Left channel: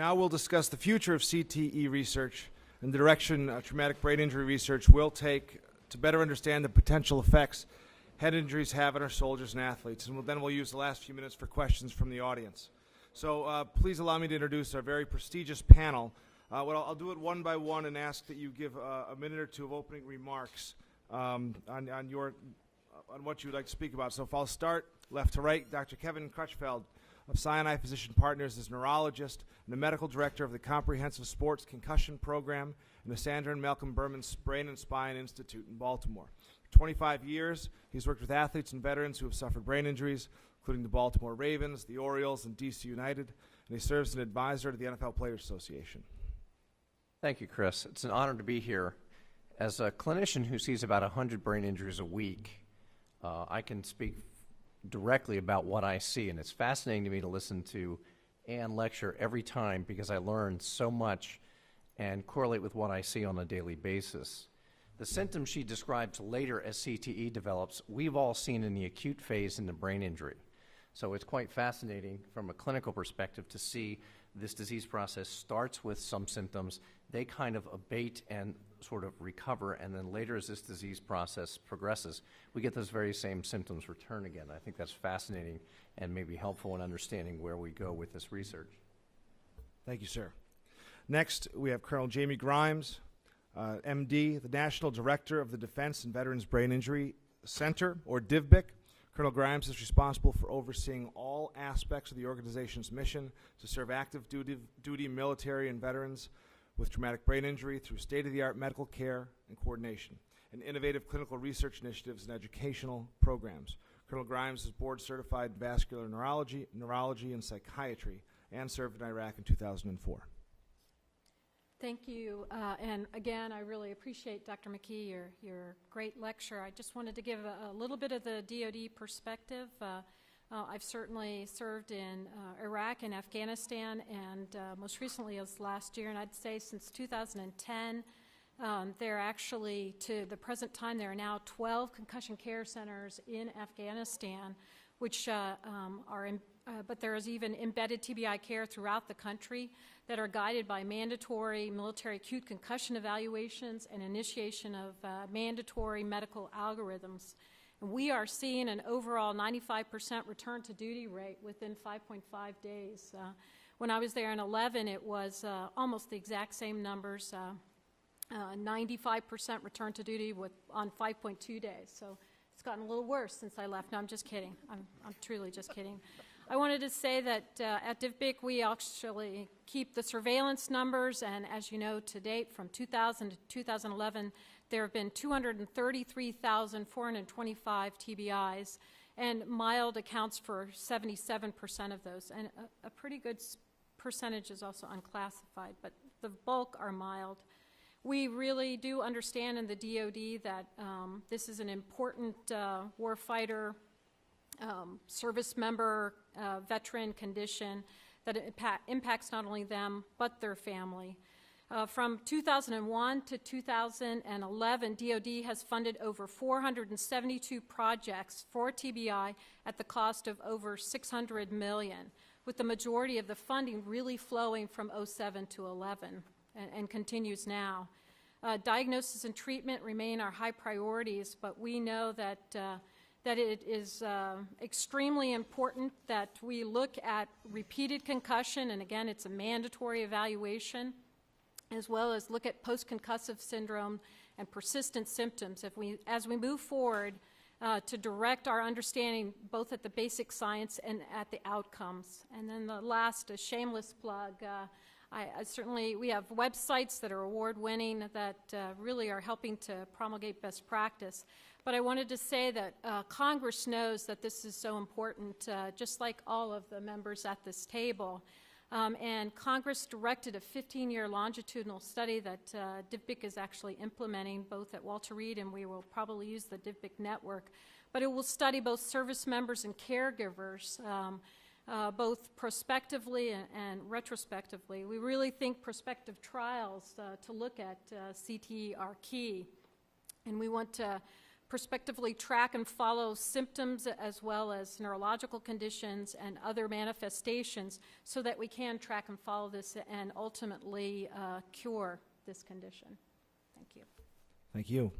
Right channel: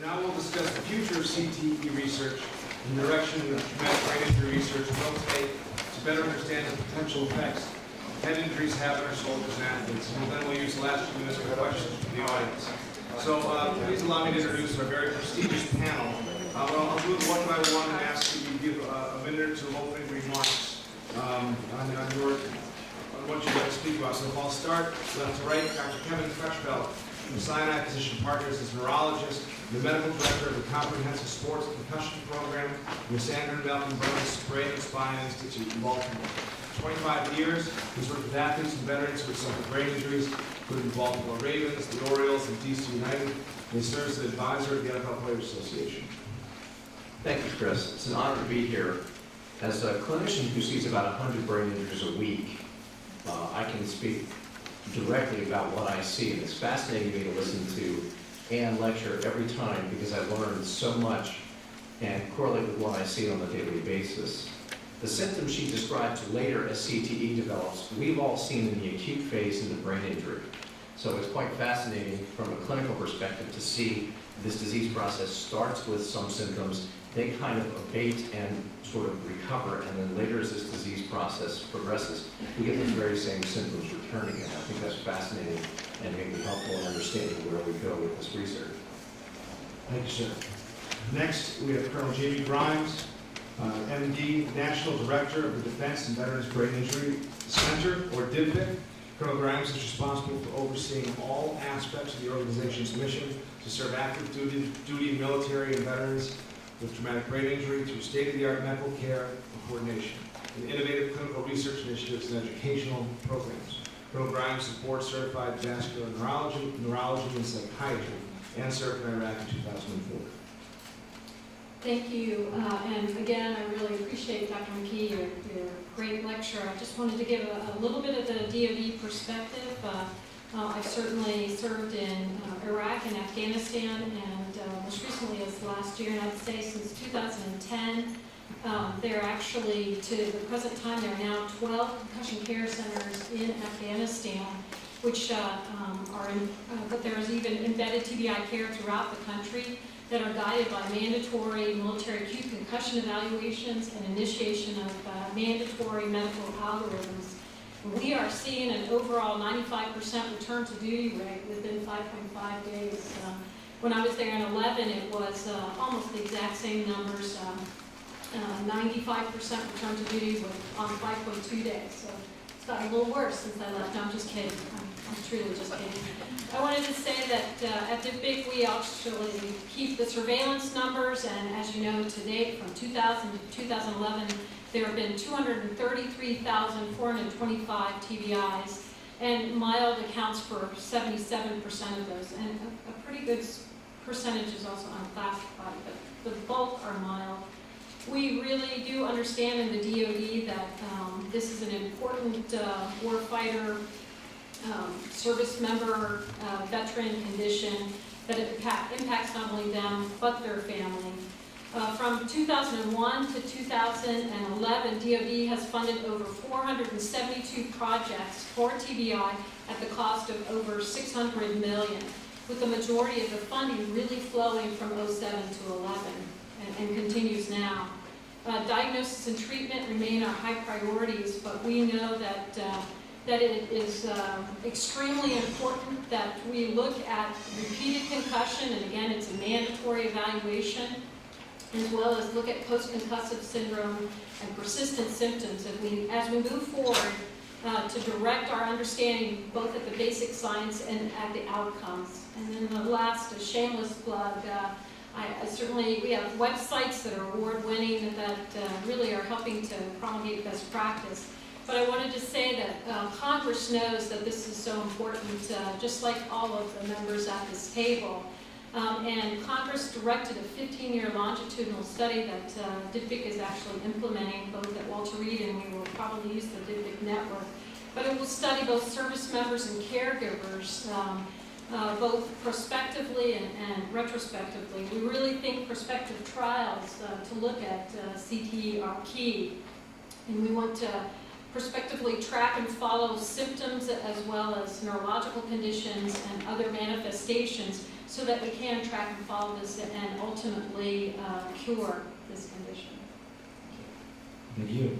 Now we'll discuss the future of CTE research and the direction traumatic brain injury research will take to better understand the potential effects head injuries have on our soldiers and athletes. And then we'll use the last 2 minutes for questions from the audience. So please allow me to introduce our very prestigious panel. I'll do it one by one and ask that you give a minute or two opening remarks on what you'd like to speak about. So I'll start left to right. Dr. Kevin Freshfeld from Sinai Physician Partners is neurologist, the medical director of the Comprehensive Sports and Concussion Program, Ms. Andrew Malcolm-Burns Brain and Spine Institute in Baltimore. 25 years, he's worked with athletes and veterans who have suffered brain injuries, including the Baltimore Ravens, the Orioles, and DC United. He serves as advisor of the NFL Players Association. Thank you, Chris. It's an honor to be here. As a clinician who sees about 100 brain injuries a week, I can speak directly about what I see, and it's fascinating to me to listen to Ann lecture every time because I've learned so much and correlate with what I see on a daily basis. The symptoms she describes later as CTE develops, we've all seen in the acute phase in the brain injury. So it's quite fascinating from a clinical perspective to see this disease process starts with some symptoms, they kind of abate and sort of recover, and then later as this disease process progresses, we get those very same symptoms returning, and I think that's fascinating and maybe helpful in understanding where we go with this research. Thank you, sir. Next, we have Colonel Jamie Grimes, MD, National Director of the Defense and Veterans Brain Injury Center, or DIVBIC. Colonel Grimes is responsible for overseeing all aspects of the organization's mission to serve active duty military and veterans with traumatic brain injury through state-of-the-art medical care and coordination, and innovative clinical research initiatives and educational programs. Colonel Grimes supports certified vascular neurology, and psychiatry, and served in Iraq in 2004. Thank you, and again, I really appreciate Dr. McKee, your great lecture. I just wanted to give a little bit of the DoD perspective. I've certainly served in Iraq and Afghanistan, and most recently as last year, and I'd say since 2010. There are actually, to the present time, there are now 12 concussion care centers in Afghanistan, which but there is even embedded TBI care throughout the country that are guided by mandatory military acute concussion evaluations and initiation of mandatory medical algorithms. We are seeing an overall 95% return to duty rate within 5.5 days. When I was there in 11, it was almost the exact same numbers, 95% return to duty on 5.2 days. So it's gotten a little worse since I left. No, I'm just kidding. I'm truly just kidding. I wanted to say that at DIVBIC we actually keep the surveillance numbers, and as you know, to date, from 2000 to 2011, there have been 233,425 TBIs, and mild accounts for 77% of those, and a pretty good percentage is also unclassified, but the bulk are mild. We really do understand in the DoD that this is an important warfighter, service member, veteran condition, that it impacts not only them, but their family. From 2001 to 2011, DoD has funded over 472 projects for TBI at the cost of over $600 million, with the majority of the funding really flowing from 07 to 11 and continues now. Diagnosis and treatment remain our high priorities, but we know that it is extremely important that we look at repeated concussion, and again, it's a mandatory evaluation, as well as look at post-concussive syndrome and persistent symptoms as we move forward to direct our understanding both at the basic science and at the outcomes. And then the last, a shameless plug, we have websites that are award-winning that really are helping to promulgate best practice. But I wanted to say that Congress knows that this is so important, just like all of the members at this table. And Congress directed a 15-year longitudinal study that DIVBIC is actually implementing both at Walter Reed, and we will probably use the DIVBIC network. But it will study both service members and caregivers, both prospectively and retrospectively. We really think prospective trials to look at CTE are key, and we want to prospectively track and follow symptoms as well as neurological conditions and other manifestations, so that we can track and follow this and ultimately cure this condition. Thank you.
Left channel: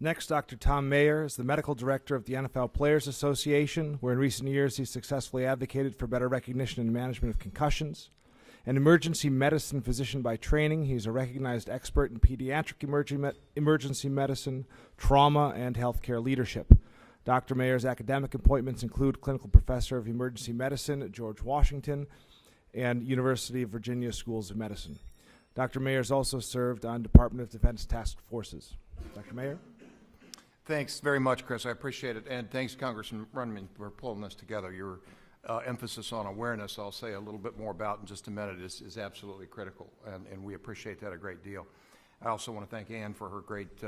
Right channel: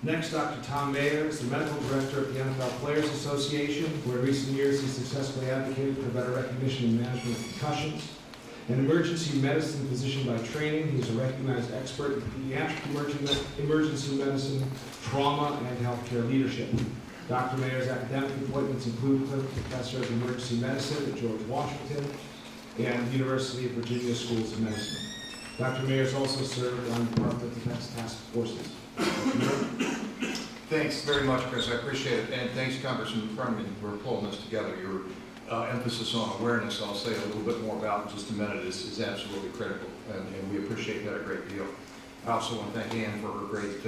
Next, Dr. Tom Mayer is the medical director of the NFL Players Association, where in recent years he successfully advocated for better recognition and management of concussions. An emergency medicine physician by training, he's a recognized expert in pediatric emergency medicine, trauma, and healthcare leadership. Dr. Mayer's academic appointments include clinical professor of emergency medicine at George Washington and the University of Virginia Schools of Medicine. Dr. Mayer has also served on Department of Defense Task Forces. Thanks very much, Chris. I appreciate it. And thanks, Congressman Runyan, for pulling this together. Your emphasis on awareness, I'll say a little bit more about in just a minute, is absolutely critical. And we appreciate that a great deal. I also want to thank Ann for her great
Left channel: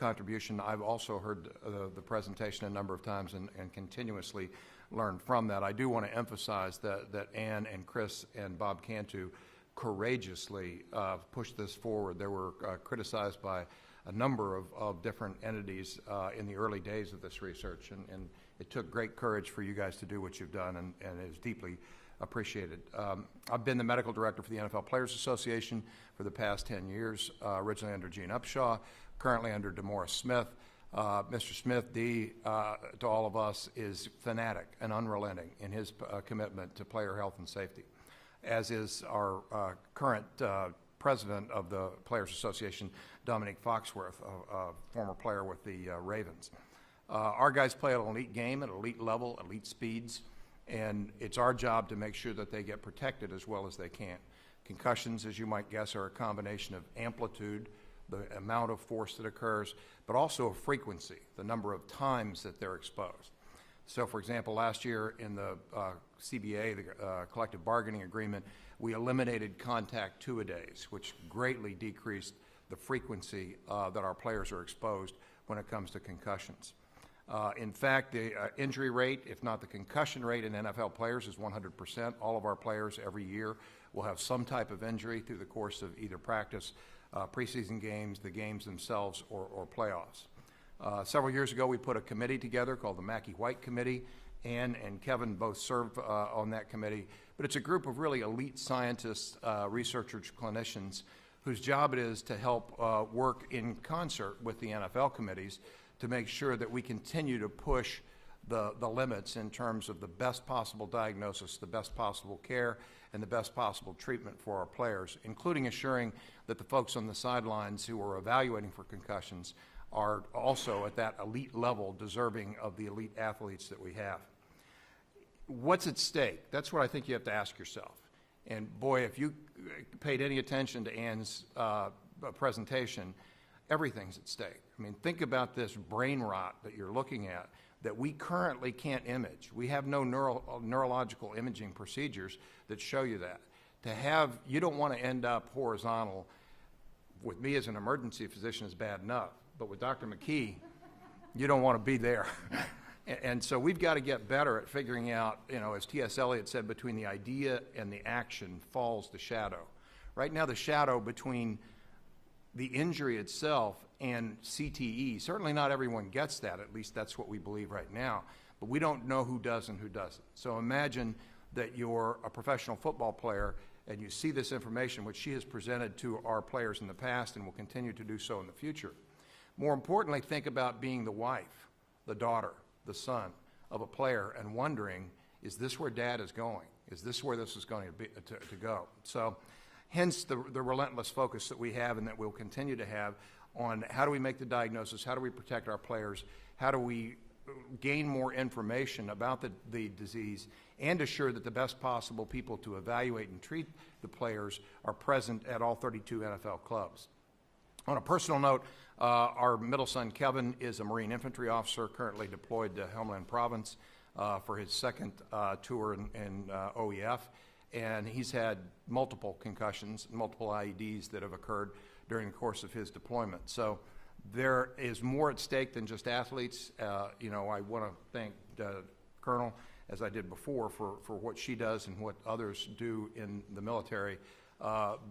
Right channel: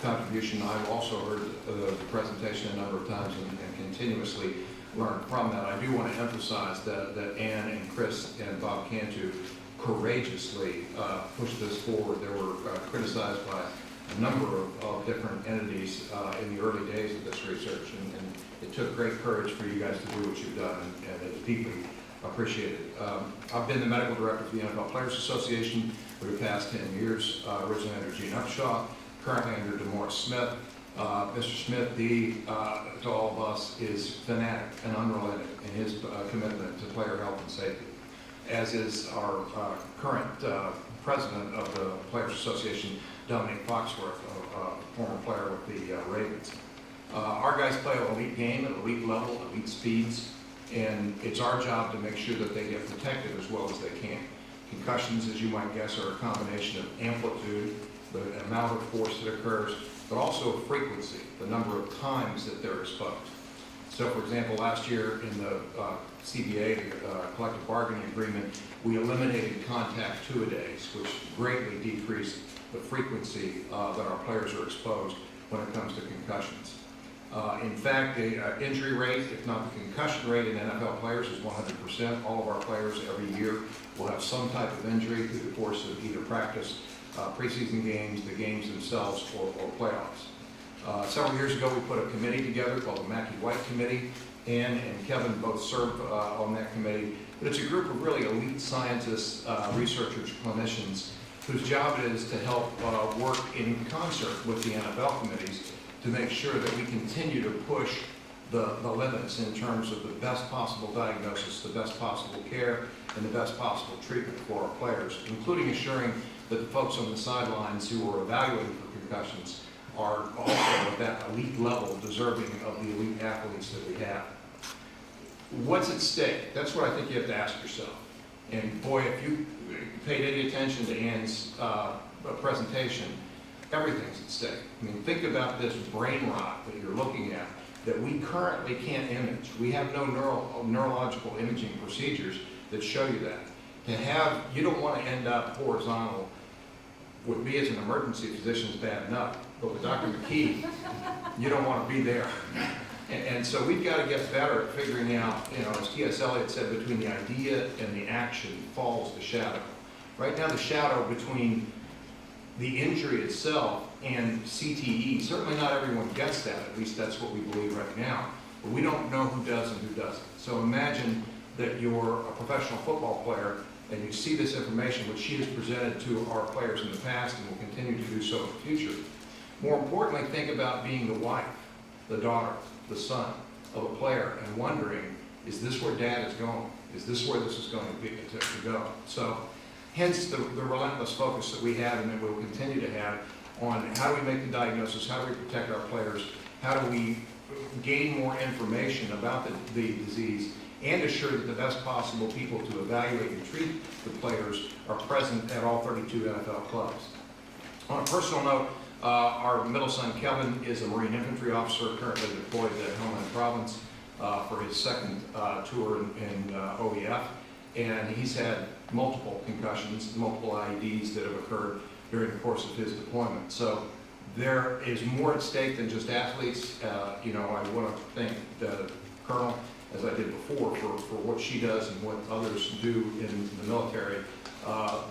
contribution. I've also heard the presentation a number of times and continuously learned from that. I do want to emphasize that Ann and Chris and Bob Cantu courageously pushed this forward. They were criticized by a number of different entities in the early days of this research, and it took great courage for you guys to do what you've done, and it's deeply appreciated. I've been the medical director for the NFL Players Association for the past 10 years, originally under Gene Upshaw, currently under DeMaurice Smith. Mr. Smith, to all of us, is fanatic and unrelenting in his commitment to player health and safety, as is our current president of the Players Association, Dominic Foxworth, a former player with the Ravens. Our guys play an elite game at elite level, elite speeds, and it's our job to make sure that they get protected as well as they can. Concussions, as you might guess, are a combination of amplitude, the amount of force that occurs, but also of frequency, the number of times that they're exposed. So, for example, last year in the CBA, the collective bargaining agreement, we eliminated contact two-a-days, which greatly decreased the frequency that our players are exposed when it comes to concussions. In fact, the injury rate, if not the concussion rate in NFL players, is 100%. All of our players every year will have some type of injury through the course of either practice, preseason games, the games themselves, or playoffs. Several years ago, we put a committee together called the McKee White Committee. Ann and Kevin both served on that committee. But it's a group of really elite scientists, researchers, clinicians, whose job it is to help work in concert with the NFL committees to make sure that we continue to push the limits in terms of the best possible diagnosis, the best possible care, and the best possible treatment for our players, including ensuring that the folks on the sidelines who are evaluating for concussions are also at that elite level, deserving of the elite athletes that we have. What's at stake? That's what I think you have to ask yourself. And boy, if you paid any attention to Ann's presentation, everything's at stake. I mean, think about this brain rot that you're looking at that we currently can't image. We have no neurological imaging procedures that show you that. You don't want to end up horizontal. With me as an emergency physician is bad enough, but with Dr. McKee, you don't want to be there. And so we've got to get better at figuring out, as T.S. Eliot said, between the idea and the action falls the shadow. Right now, the shadow between the injury itself and CTE, certainly not everyone gets that, at least that's what we believe right now, but we don't know who does and who doesn't. So imagine that you're a professional football player and you see this information, which she has presented to our players in the past and will continue to do so in the future. More importantly, think about being the wife, the daughter, the son of a player and wondering, is this where dad is going? Is this where this is going to go? So hence the relentless focus that we have and that we'll continue to have on how do we make the diagnosis, how do we protect our players, how do we gain more information about the disease, and assure that the best possible people to evaluate and treat the players are present at all 32 NFL clubs. On a personal note, our middle son, Kevin, is a Marine infantry officer currently deployed at Helmand Province for his second tour in OEF, and he's had multiple concussions, multiple IEDs that have occurred during the course of his deployment. So there is more at stake than just athletes. I want to thank the Colonel, as I did before, for what she does and what others do in the military,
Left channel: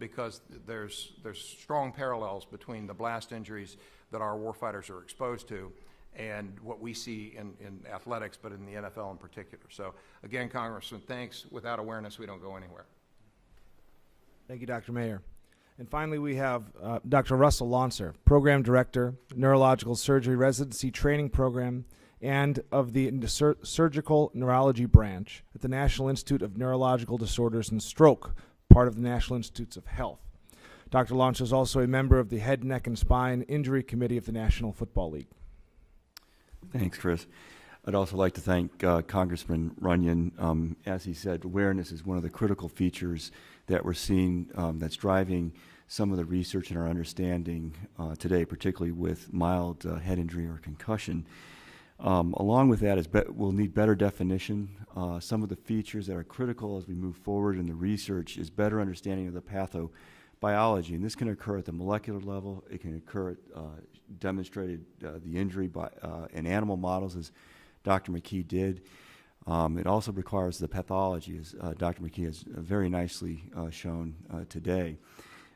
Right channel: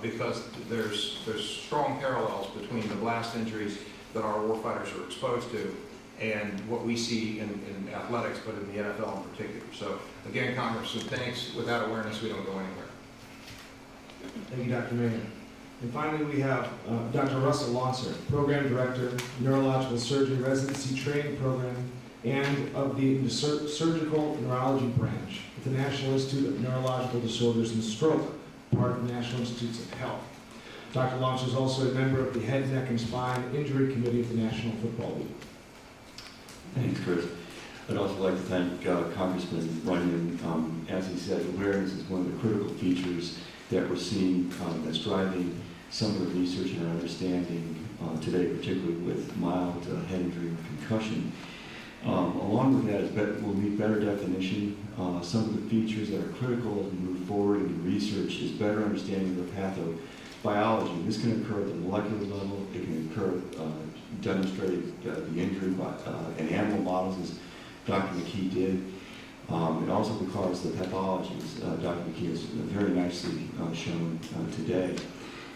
because there's strong parallels between the blast injuries that our warfighters are exposed to and what we see in athletics, but in the NFL in particular. So again, Congressman, thanks. Without awareness, we don't go anywhere. Thank you, Dr. Mayer. And finally, we have Dr. Russell Launcer, Program Director, Neurological Surgery Residency Training Program, and of the Surgical Neurology Branch at the National Institute of Neurological Disorders and Stroke, part of the National Institutes of Health. Dr. Launcer is also a member of the Head, Neck, and Spine Injury Committee of the National Football League. Thanks, Chris. I'd also like to thank Congressman Runyan. As he said, awareness is one of the critical features that we're seeing that's driving some of the research and our understanding today, particularly with mild head injury or concussion. Along with that, we'll need better definition. Some of the features that are critical as we move forward in the research is better understanding of the pathobiology. And this can occur at the molecular level. It can occur, demonstrate the injury in animal models, as Dr. McKee did. It also requires the pathologies. Dr. McKee has very nicely shown today.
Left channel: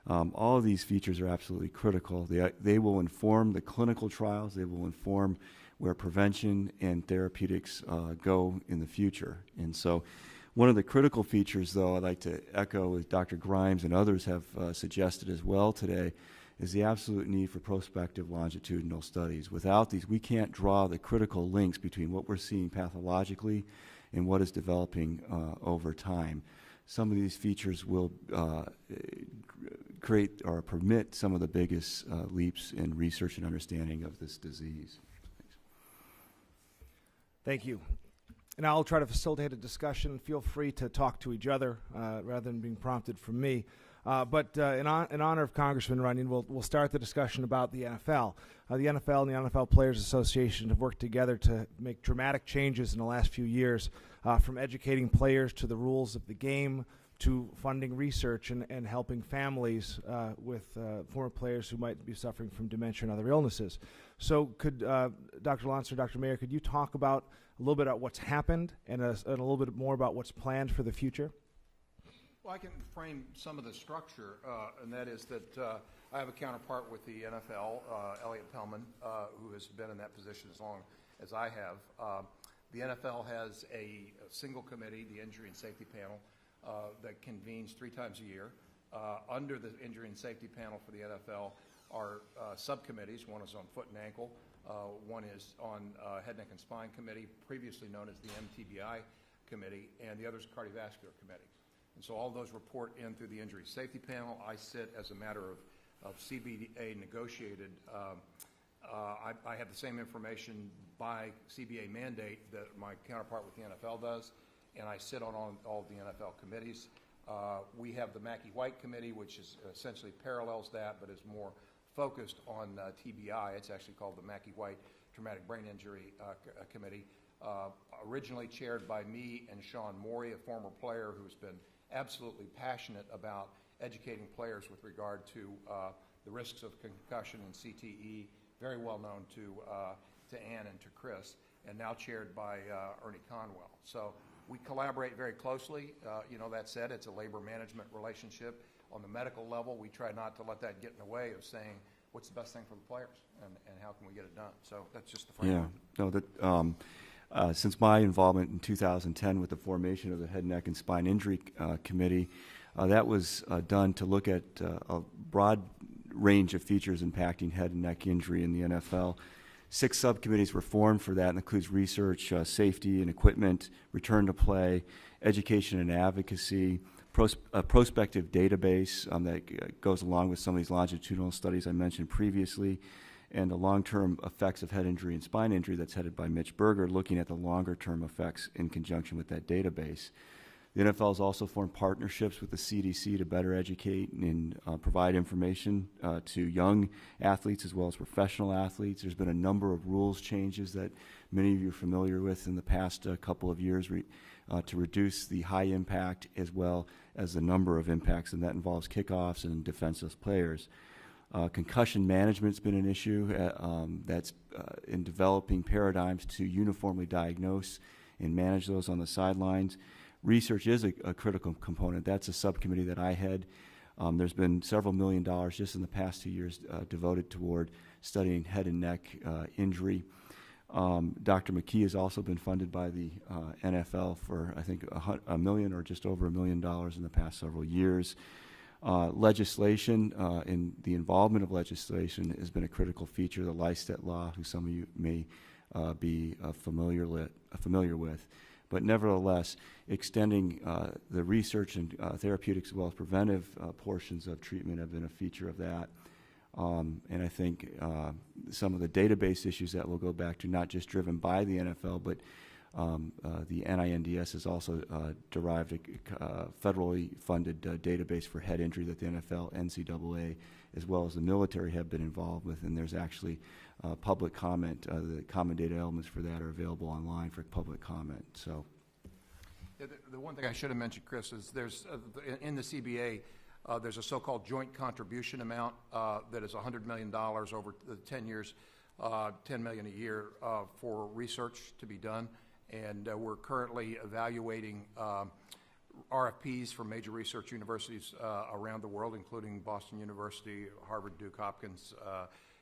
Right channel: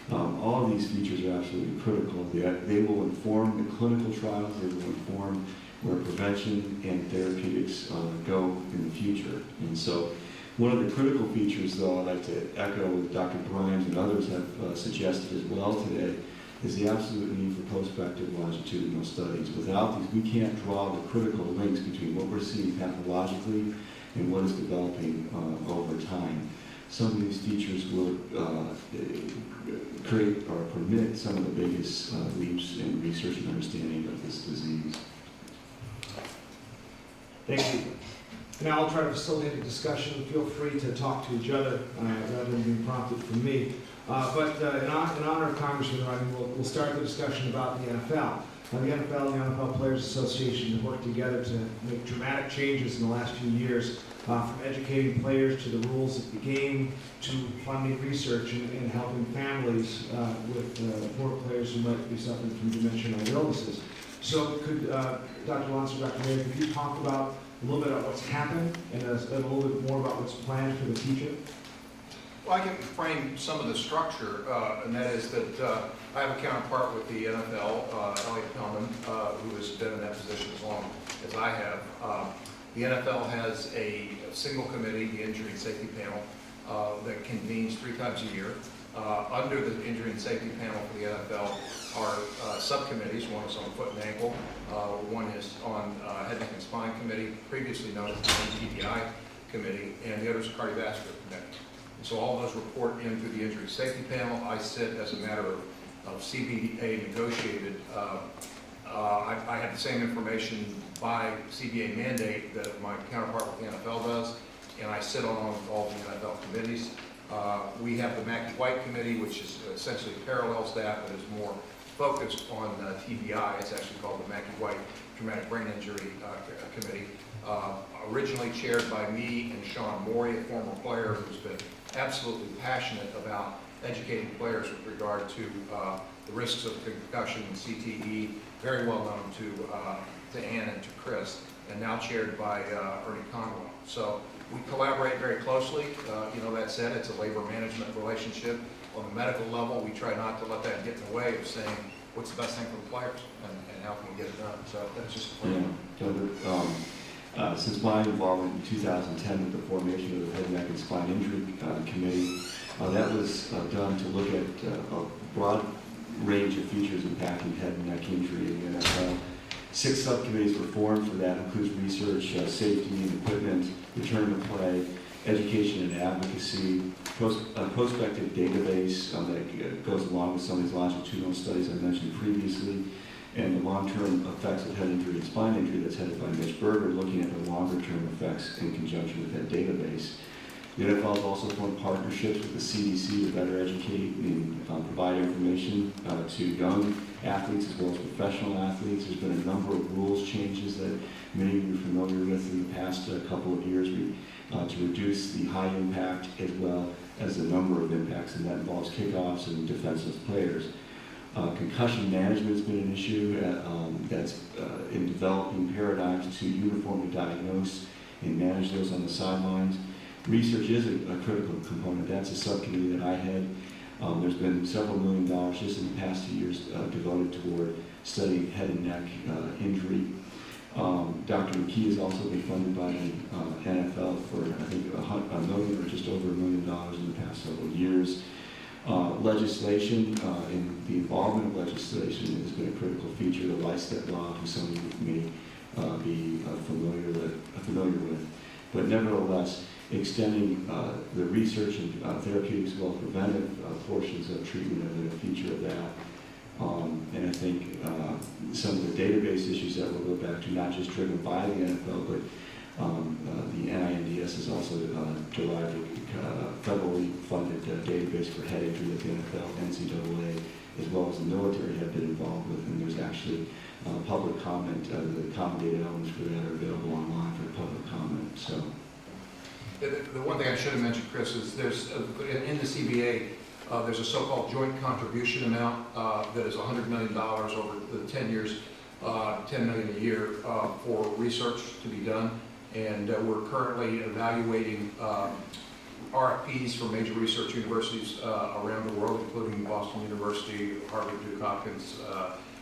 All of these features are absolutely critical. They will inform the clinical trials. They will inform where prevention and therapeutics go in the future. And so one of the critical features, though, I'd like to echo with Dr. Grimes and others have suggested as well today, is the absolute need for prospective longitudinal studies. Without these, we can't draw the critical links between what we're seeing pathologically and what is developing over time. Some of these features will create or permit some of the biggest leaps in research and understanding of this disease. Thank you. Now I'll try to facilitate a discussion. Feel free to talk to each other rather than being prompted from me. But in honor of Congressman Runyan, we'll start the discussion about the NFL. The NFL and the NFL Players Association have worked together to make dramatic changes in the last few years, from educating players to the rules of the game, to funding research and helping families with former players who might be suffering from dementia or illnesses. So could Dr. Launcer, Dr. Mayer, could you talk about a little bit about what's happened and a little bit more about what's planned for the future? Well, I can frame some of the structure, and that is that I have a counterpart with the NFL, Elliot Pellman, who has been in that position as long as I have. The NFL has a single committee, the Injury and Safety Panel, that convenes 3 times a year. Under the Injury and Safety Panel for the NFL are subcommittees. One is on foot and ankle, one is on Head, Neck, and Spine Committee, previously known as the TBI Committee, and the other is Cardiovascular Committee. So all those report into the Injury Safety Panel. I sit as a matter of CBA negotiated. I have the same information by CBA mandate that my counterpart with the NFL does, and I sit on all the NFL committees. We have the McKee White Committee, which is essentially parallels that, but is more focused on TBI. It's actually called the McKee White Traumatic Brain Injury Committee. Originally chaired by me and Sean Morey, a former player who's been absolutely passionate about educating players with regard to the risks of concussion and CTE, very well known to Ann and to Chris, and now chaired by Ernie Conwell. So we collaborate very closely. That said, it's a labor management relationship. On the medical level, we try not to let that get in the way of saying what's the best thing for the players and how can we get it done. So that's just a plan. Since my involvement in 2010 with the formation of the Head, Neck, and Spine Injury Committee, that was done to look at a broad range of features impacting head and neck injury in the NFL. 6 subcommittees were formed for that. It includes research, safety and equipment, return to play, education and advocacy, a prospective database that goes along with some of these longitudinal studies I mentioned previously, and the long-term effects of head injury and spine injury that's headed by Mitch Berger, looking at the longer-term effects in conjunction with that database. The NFL has also formed partnerships with the CDC to better educate and provide information to young athletes as well as professional athletes. There's been a number of rules changes that many of you are familiar with in the past couple of years to reduce the high impact as well as the number of impacts, and that involves kickoffs and defensive players. Concussion management has been an issue that's in developing paradigms to uniformly diagnose and manage those on the sidelines. Research is a critical component. That's a subcommittee that I head. There's been several $1 million just in the past 2 years devoted toward studying head and neck injury. Dr. McKee has also been funded by the NFL for, I think, $1 million or just over $1 million in the past several years. Legislation and the involvement of legislation has been a critical feature of the LISTET law, who some of you may be familiar with. But nevertheless, extending the research and therapeutics, as well as preventive portions of treatment have been a feature of that. And I think some of the database issues that we'll go back to, not just driven by the NFL, but the NINDS has also derived a federally funded database for head injury that the NFL, NCAA, as well as the military have been involved with, and there's actually public comment. The common data elements for that are available online for public comment. So, The one thing I should have mentioned, Chris, is there's, in the CBA, there's a so-called joint contribution amount that is $100 million over the 10 years, $10 million a year for research to be done. And we're currently evaluating RFPs for major research universities around the world, including Boston University, Harvard, Duke Hopkins,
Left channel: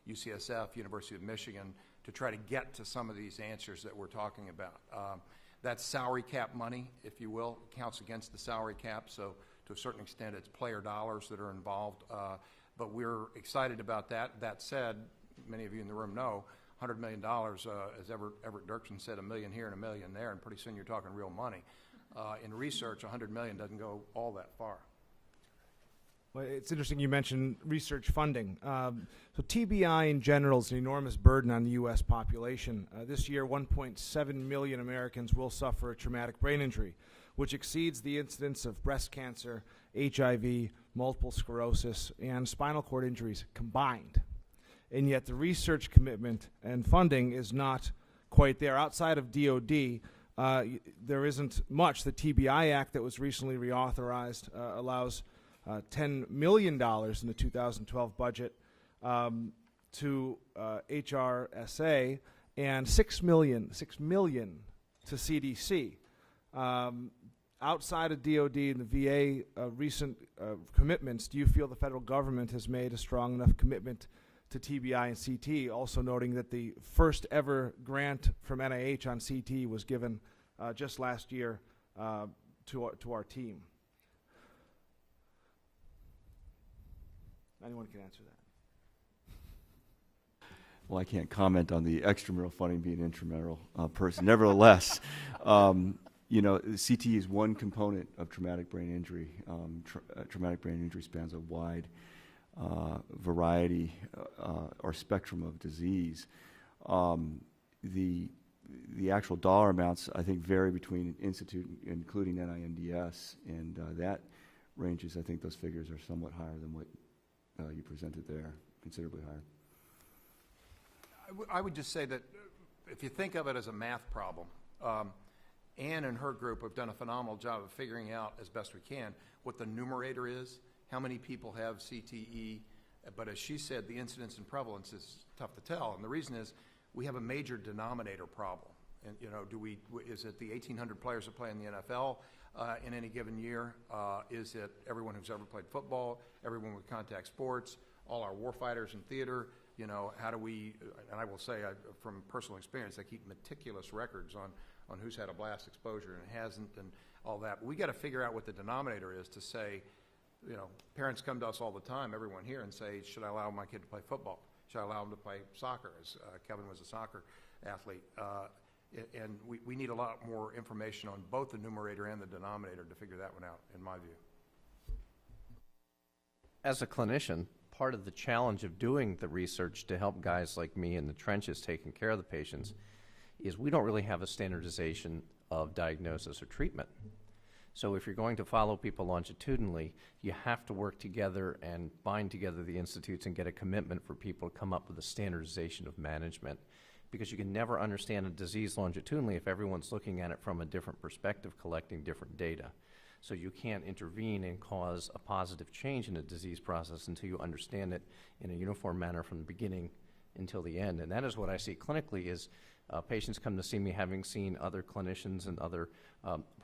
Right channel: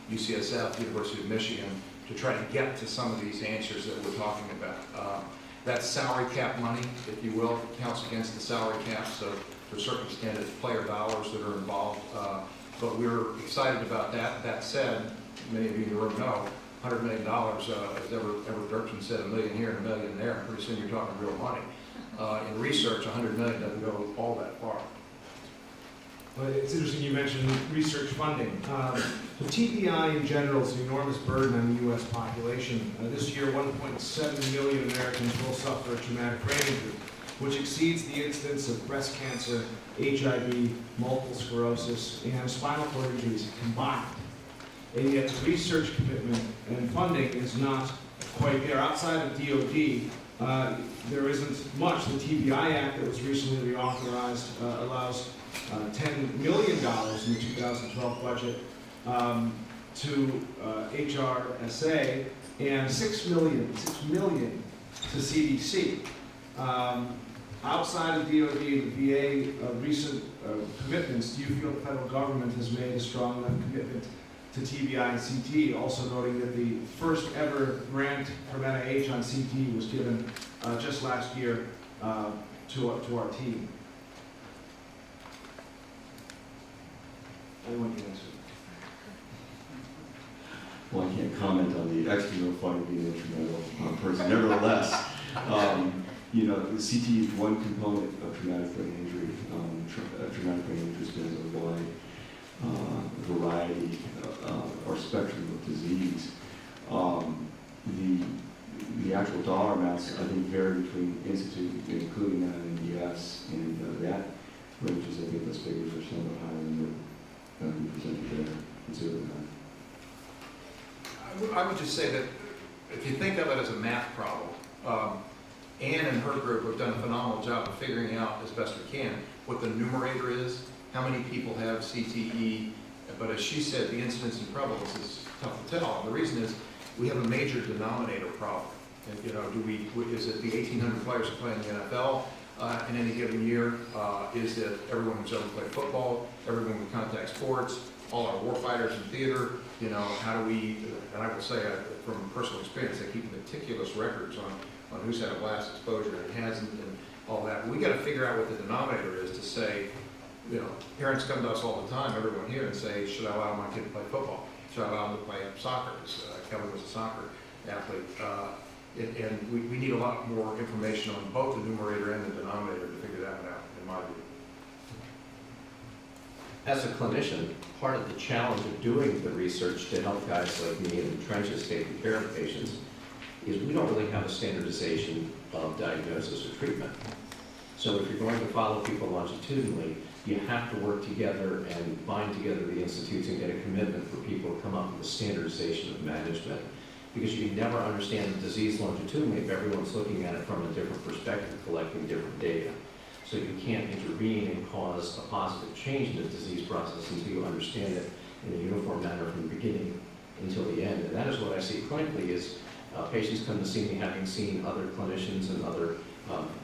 UCSF, University of Michigan, to try to get to some of these answers that we're talking about. That's salary cap money, if you will. It counts against the salary cap, so to a certain extent it's player dollars that are involved. But we're excited about that. That said, many of you in the room know, $100 million, as Everett Dirksen said, $1 million here and $1 million there. Pretty soon you're talking real money. In research, $100 million doesn't go all that far. Well, it's interesting you mentioned research funding. The TBI in general is an enormous burden on the U.S. population. This year, 1.7 million Americans will suffer a traumatic brain injury, which exceeds the incidence of breast cancer, HIV, multiple sclerosis, and spinal cord injuries combined. And yet the research commitment and funding is not quite there. Outside of DOD, there isn't much. The TBI Act that was recently reauthorized allows $10 million in the 2012 budget to HRSA and $6 million to CDC. Outside of DOD and the VA recent commitments, do you feel the federal government has made a strong enough commitment to TBI and CT, also noting that the first ever grant from NIH on CT was given just last year to our team? Anyone can answer. well, I can't comment on the external funding being instrumental person. Nevertheless, you know, the CT is one component of traumatic brain injury. Traumatic brain injury spans a wide variety or spectrum of disease. The actual dollar amounts, I think, vary between institute, including NINDS, and that ranges. I think those figures are somewhat higher than you presented there. Consider that. I would just say that if you think of it as a math problem, Ann and her group have done a phenomenal job of figuring out as best we can what the numerator is, how many people have CTE, but as she said, the incidence and prevalence is tough to tell. And the reason is we have a major denominator problem. And, you know, is it the 1,800 players who play in the NFL in any given year? Is it everyone who's ever played football, everyone with contact sports, all our warfighters in theater? You know, how do we, and I will say from personal experience, I keep meticulous records on who's had a blast exposure and hasn't, and all that. We got to figure out what the denominator is to say, you know, parents come to us all the time, everyone here, and say, should I allow my kid to play football? Should I allow him to play soccer? Kevin was a soccer athlete. And we need a lot more information on both the numerator and the denominator to figure that one out, in my view. As a clinician, part of the challenge of doing the research to help guys like me in the trenches taking care of patients is we don't really have a standardization of diagnosis or treatment. So if you're going to follow people longitudinally, you have to work together and bind together the institutes and get a commitment for people to come up with a standardization of management. Because you never understand the disease longitudinally if everyone's looking at it from a different perspective, collecting different data. So you can't intervene and cause a positive change in the disease process until you understand it in a uniform manner from the beginning until the end. And that is what I see clinically is patients come to see me having seen other clinicians and other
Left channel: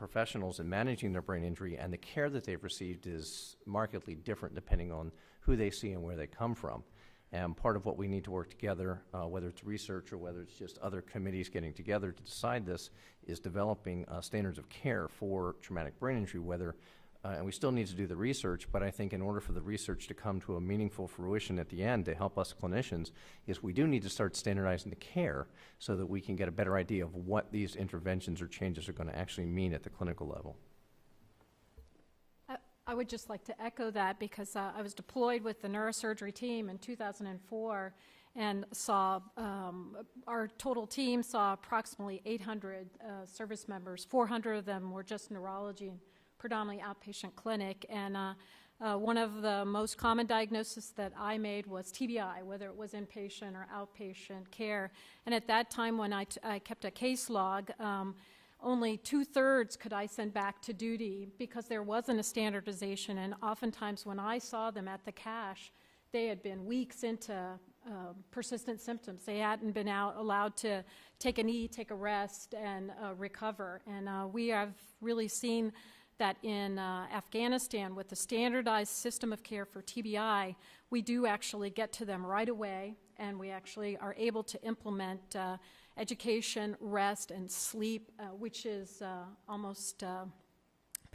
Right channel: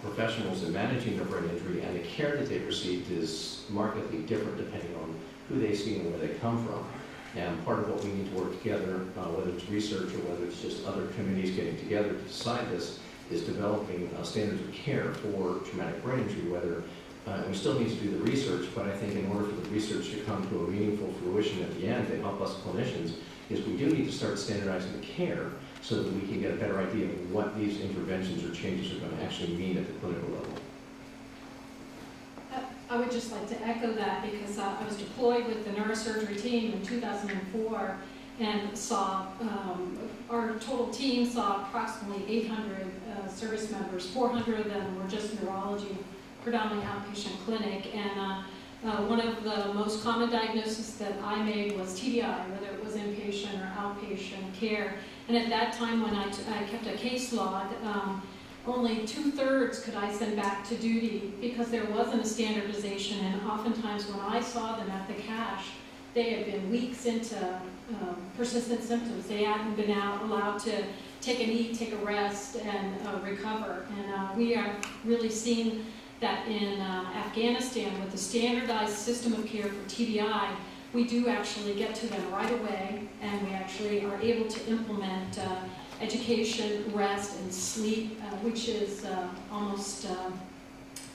professionals in managing their brain injury, and the care that they've received is markedly different depending on who they see and where they come from. And part of what we need to work together, whether it's research or whether it's just other committees getting together to decide this, is developing standards of care for traumatic brain injury, we still need to do the research, but I think in order for the research to come to a meaningful fruition at the end to help us clinicians, is we do need to start standardizing the care so that we can get a better idea of what these interventions or changes are going to actually mean at the clinical level. I would just like to echo that because I was deployed with the neurosurgery team in 2004 and saw, our total team saw approximately 800 service members. 400 of them were just neurology, predominantly outpatient clinic. And one of the most common diagnoses that I made was TBI, whether it was inpatient or outpatient care. And at that time when I kept a case log, only 2/3 could I send back to duty because there wasn't a standardization, and oftentimes when I saw them at the cache, they had been weeks into persistent symptoms. They hadn't been allowed to take an eat, take a rest, and recover. And we have really seen that in Afghanistan with the standardized system of care for TBI, we do actually get to them right away, and we actually are able to implement education, rest, and sleep, which is almost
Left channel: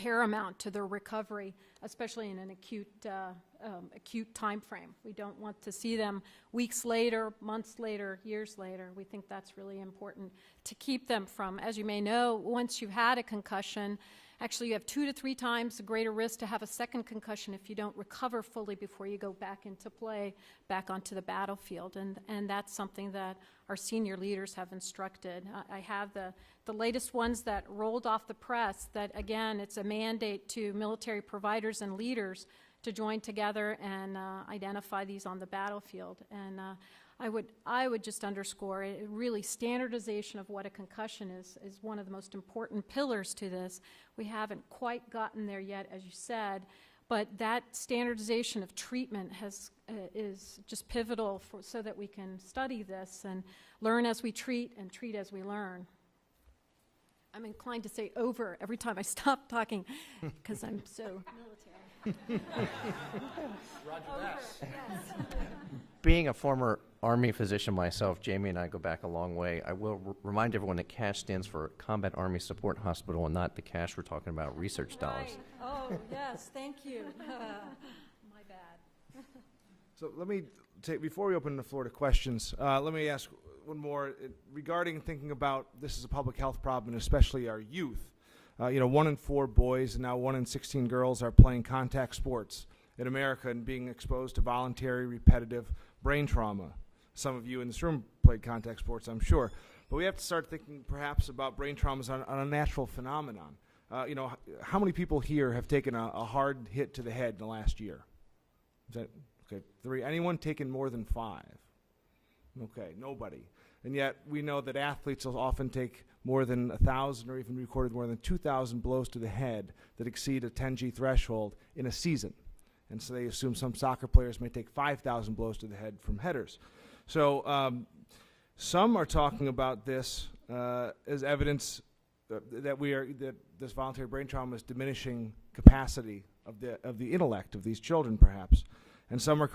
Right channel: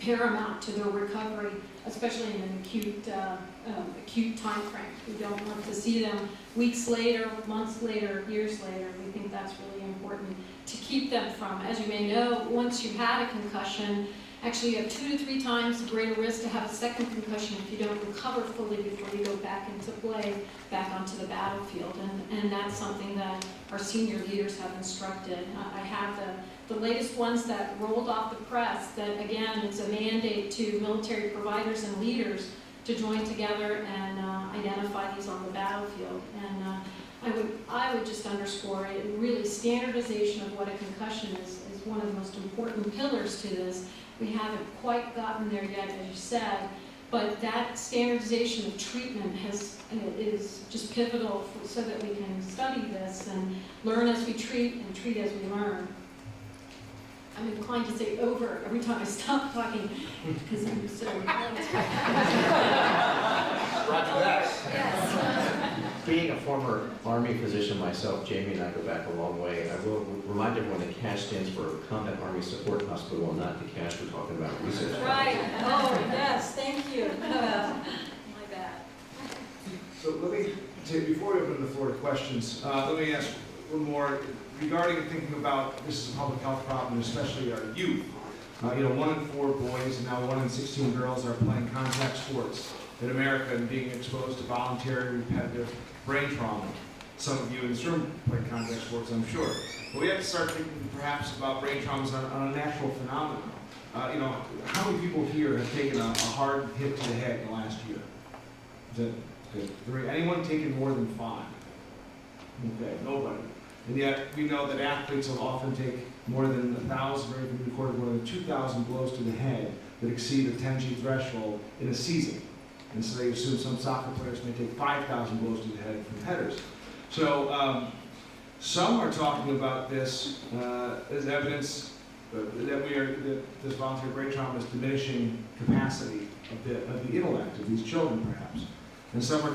paramount to their recovery, especially in an acute time frame. We don't want to see them weeks later, months later, years later. We think that's really important to keep them from, as you may know, once you've had a concussion, actually you have 2 to 3 times the greater risk to have a second concussion if you don't recover fully before you go back into play, back onto the battlefield. And that's something that our senior leaders have instructed. I have the latest ones that rolled off the press that, again, it's a mandate to military providers and leaders to join together and identify these on the battlefield. And I would just underscore it, really standardization of what a concussion is one of the most important pillars to this. We haven't quite gotten there yet, as you said, but that standardization of treatment is just pivotal so that we can study this and learn as we treat and treat as we learn. I'm inclined to say over every time I stop talking because I'm so Roger that. Yes. Being a former Army physician myself, Jamie and I go back a long way. I will remind everyone that CASH stands for Combat Army Support Hospital, and not the CASH we're talking about research. Right. Oh, yes. Thank you. My bad. So let me say, before we open the floor to questions, let me ask a little more regarding thinking about this is a public health problem, especially our youth. 1 in 4 boys, now 1 in 16 girls are playing contact sports in America and being exposed to voluntary repetitive brain trauma. Some of you in this room play contact sports, I'm sure. But we have to start thinking perhaps about brain traumas on a natural phenomenon. How many people here have taken a hard hit to the head in the last year? Is that 3? Anyone taken more than 5? Okay, nobody. And yet we know that athletes will often take more than 1,000 or even recorded more than 2,000 blows to the head that exceed the 10G threshold in a season. And so they assume some soccer players may take 5,000 blows to the head from headers. So some are talking about this as evidence that this voluntary brain trauma is diminishing capacity of the intellect of these children, perhaps. And some are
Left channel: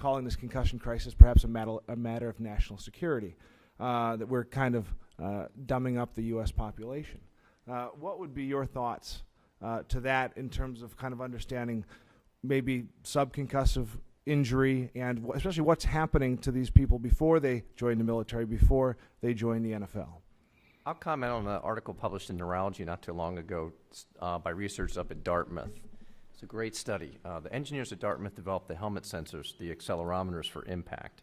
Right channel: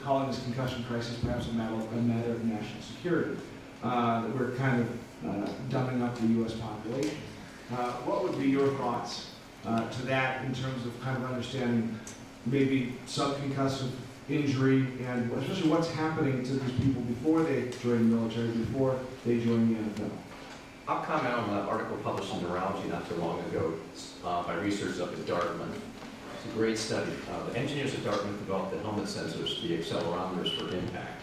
calling this concussion crisis perhaps a matter of national security. That we're kind of dumbing up the U.S. population. What would be your thoughts to that in terms of kind of understanding maybe subconcussive injury and especially what's happening to these people before they join the military, before they join the NFL? I'll comment on an article published in Neurology not too long ago by researchers up at Dartmouth. It's a great study. The engineers at Dartmouth developed the helmet sensors, the accelerometers for impact.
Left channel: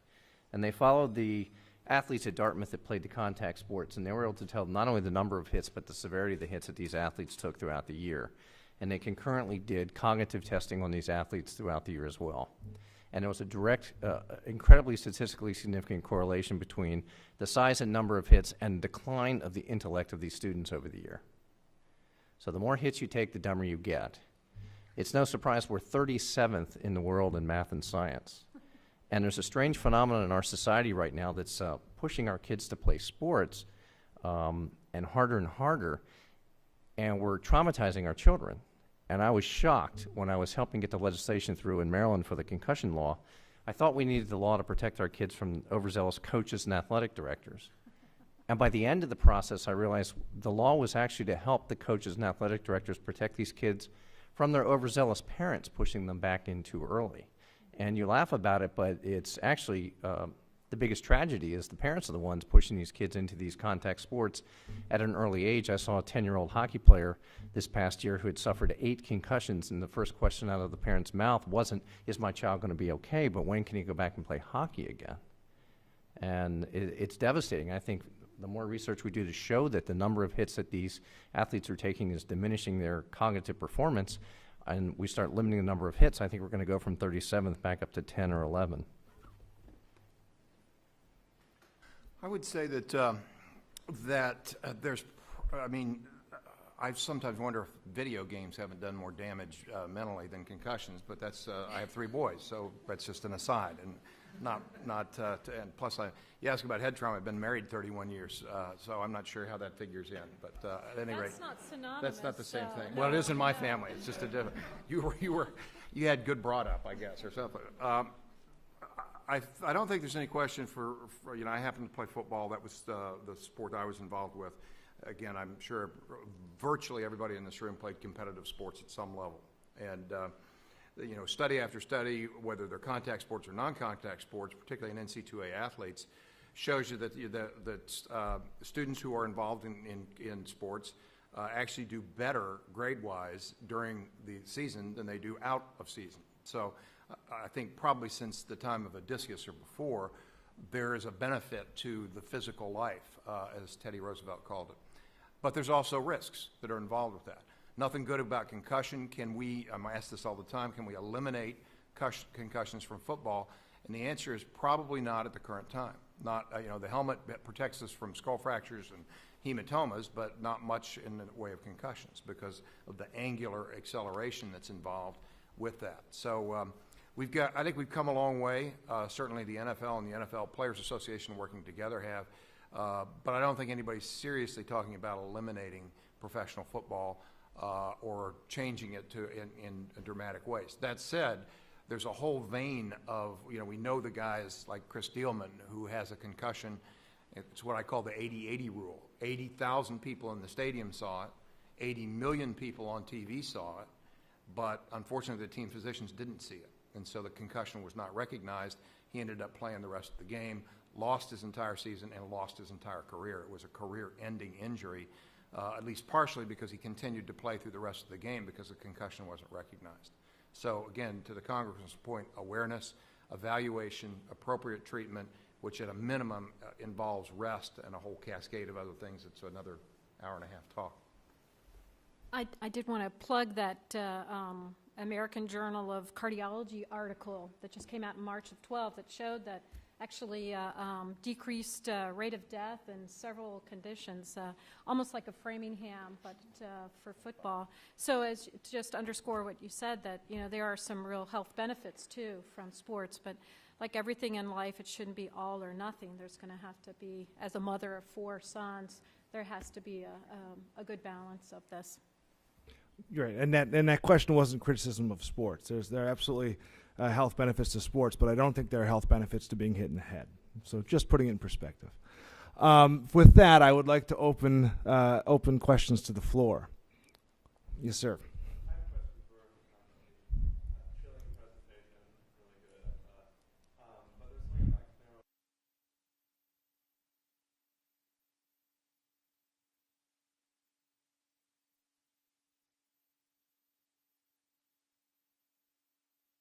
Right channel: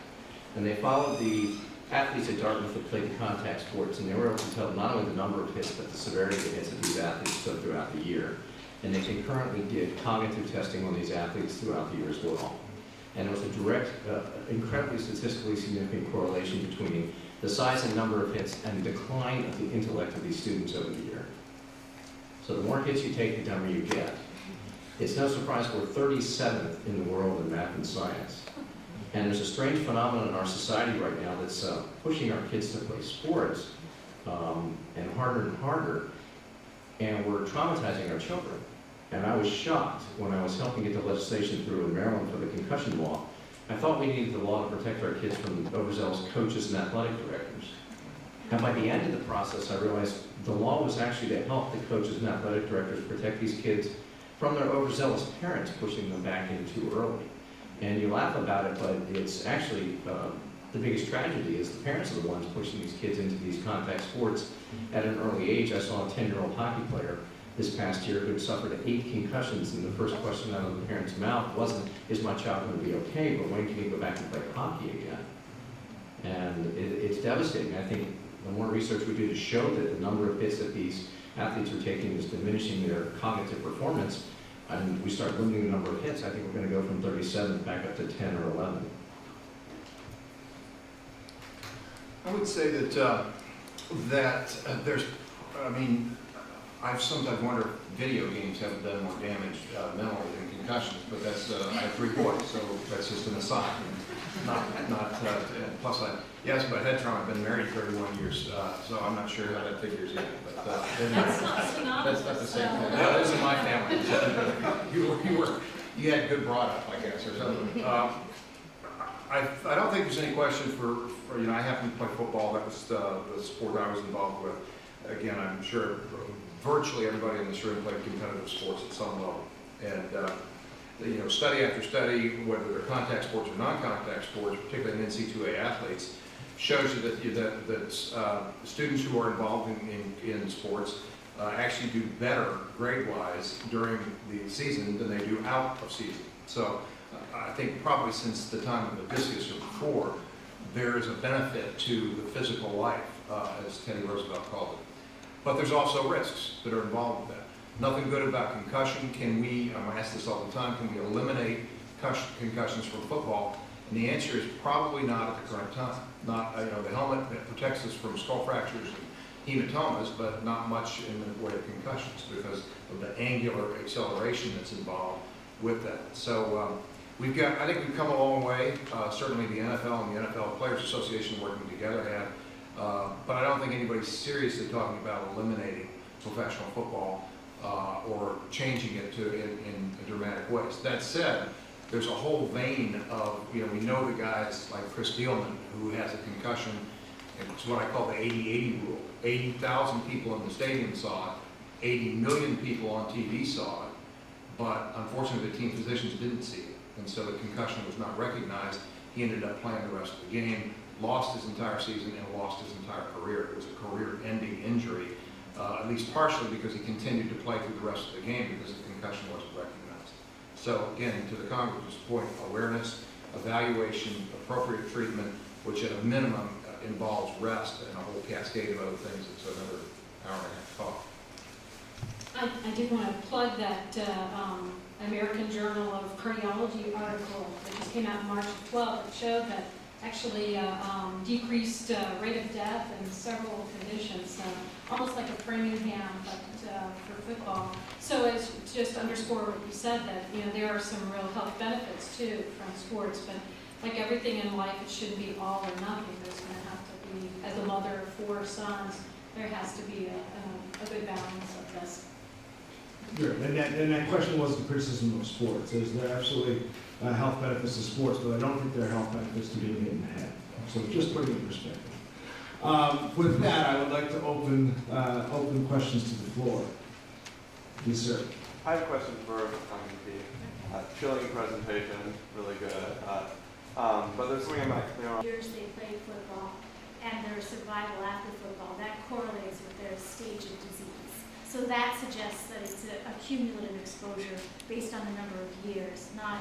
And they followed the athletes at Dartmouth that played the contact sports, and they were able to tell not only the number of hits, but the severity of the hits that these athletes took throughout the year. And they concurrently did cognitive testing on these athletes throughout the year as well. And there was a direct, incredibly statistically significant correlation between the size and number of hits and the decline of the intellect of these students over the year. So the more hits you take, the dumber you get. It's no surprise we're 37th in the world in math and science. And there's a strange phenomenon in our society right now that's pushing our kids to play sports and harder, and we're traumatizing our children. And I was shocked when I was helping get the legislation through in Maryland for the concussion law I thought we needed the law to protect our kids from overzealous coaches and athletic directors. And by the end of the process, I realized the law was actually to help the coaches and athletic directors protect these kids from their overzealous parents pushing them back in too early. And you laugh about it, but it's actually the biggest tragedy is the parents are the ones pushing these kids into these contact sports at an early age. I saw a 10-year-old hockey player this past year who had suffered 8 concussions, and the first question out of the parent's mouth wasn't, is my child going to be okay, but when can he go back and play hockey again? And it's devastating. I think the more research we do to show that the number of hits that these athletes are taking is diminishing their cognitive performance, and we start limiting the number of hits, I think we're going to go from 37th back up to 10 or 11. I would say that there's, I mean, I've sometimes wondered if video games have done more damage mentally than concussions, but that's, I have 3 boys, so that's just an aside. Plus you asked about head trauma, I've been married 31 years, so I'm not sure how that figures in. But That's not synonymous. that's not the same thing. No, that's in my family. You had good brought up, I guess, or something. I don't think there's any question for I happen to play football. That was the sport I was involved with. Again, I'm sure virtually everybody in this room played competitive sports at some level. And study after study, whether they're contact sports or non-contact sports, particularly in NC2A athletes, shows you that students who are involved in sports actually do better grade-wise during the season than they do out of season. So I think probably since the time of Odysseus or before, there is a benefit to the physical life, as Teddy Roosevelt called it. But there's also risks that are involved with that. Nothing good about concussion. I ask this all the time, can we eliminate concussions from football? And the answer is probably not at the current time. Not, the helmet protects us from skull fractures and hematomas, but not much in the way of concussions because of the angular acceleration that's involved with that. So I think we've come a long way. Certainly the NFL and the NFL Players Association working together have, but I don't think anybody's seriously talking about eliminating professional football or changing it in dramatic ways. That said, there's a whole vein of, we know the guys like Chris Thielman who has a concussion. It's what I call the 80-80 rule. 80,000 people in the stadium saw it, 80 million people on TV saw it, but unfortunately the team physicians didn't see it. And so the concussion was not recognized. He ended up playing the rest of the game, lost his entire season, and lost his entire career. It was a career-ending injury, at least partially because he continued to play through the rest of the game because the concussion wasn't recognized. So again, to the Congressman's point, awareness, evaluation, appropriate treatment, which at a minimum involves rest and a whole cascade of other things. It's another hour and a half talk. I did want to plug that American Journal of Cardiology article that just came out March 12th. It showed that actually decreased rate of death in several conditions, almost like a Framingham, but for football. So it's just underscore what you said, that there are some real health benefits too from sports, but like everything in life, it shouldn't be all or nothing. There's going to have to be, as a mother of 4 sons, there has to be a good balance of this. Sure. And that question wasn't criticism of sports. There are absolutely health benefits to sports, but I don't think there are health benefits to being hit in the head. So just putting it in perspective. With that, I would like to open questions to the floor. Yes, sir. I have a question for McKee. Chilling presentation, really good. But there's something I'm not clear on. Years they played football and their survival after football, that correlates with their stage of disease. So that suggests that it's a cumulative exposure based on the number of years, not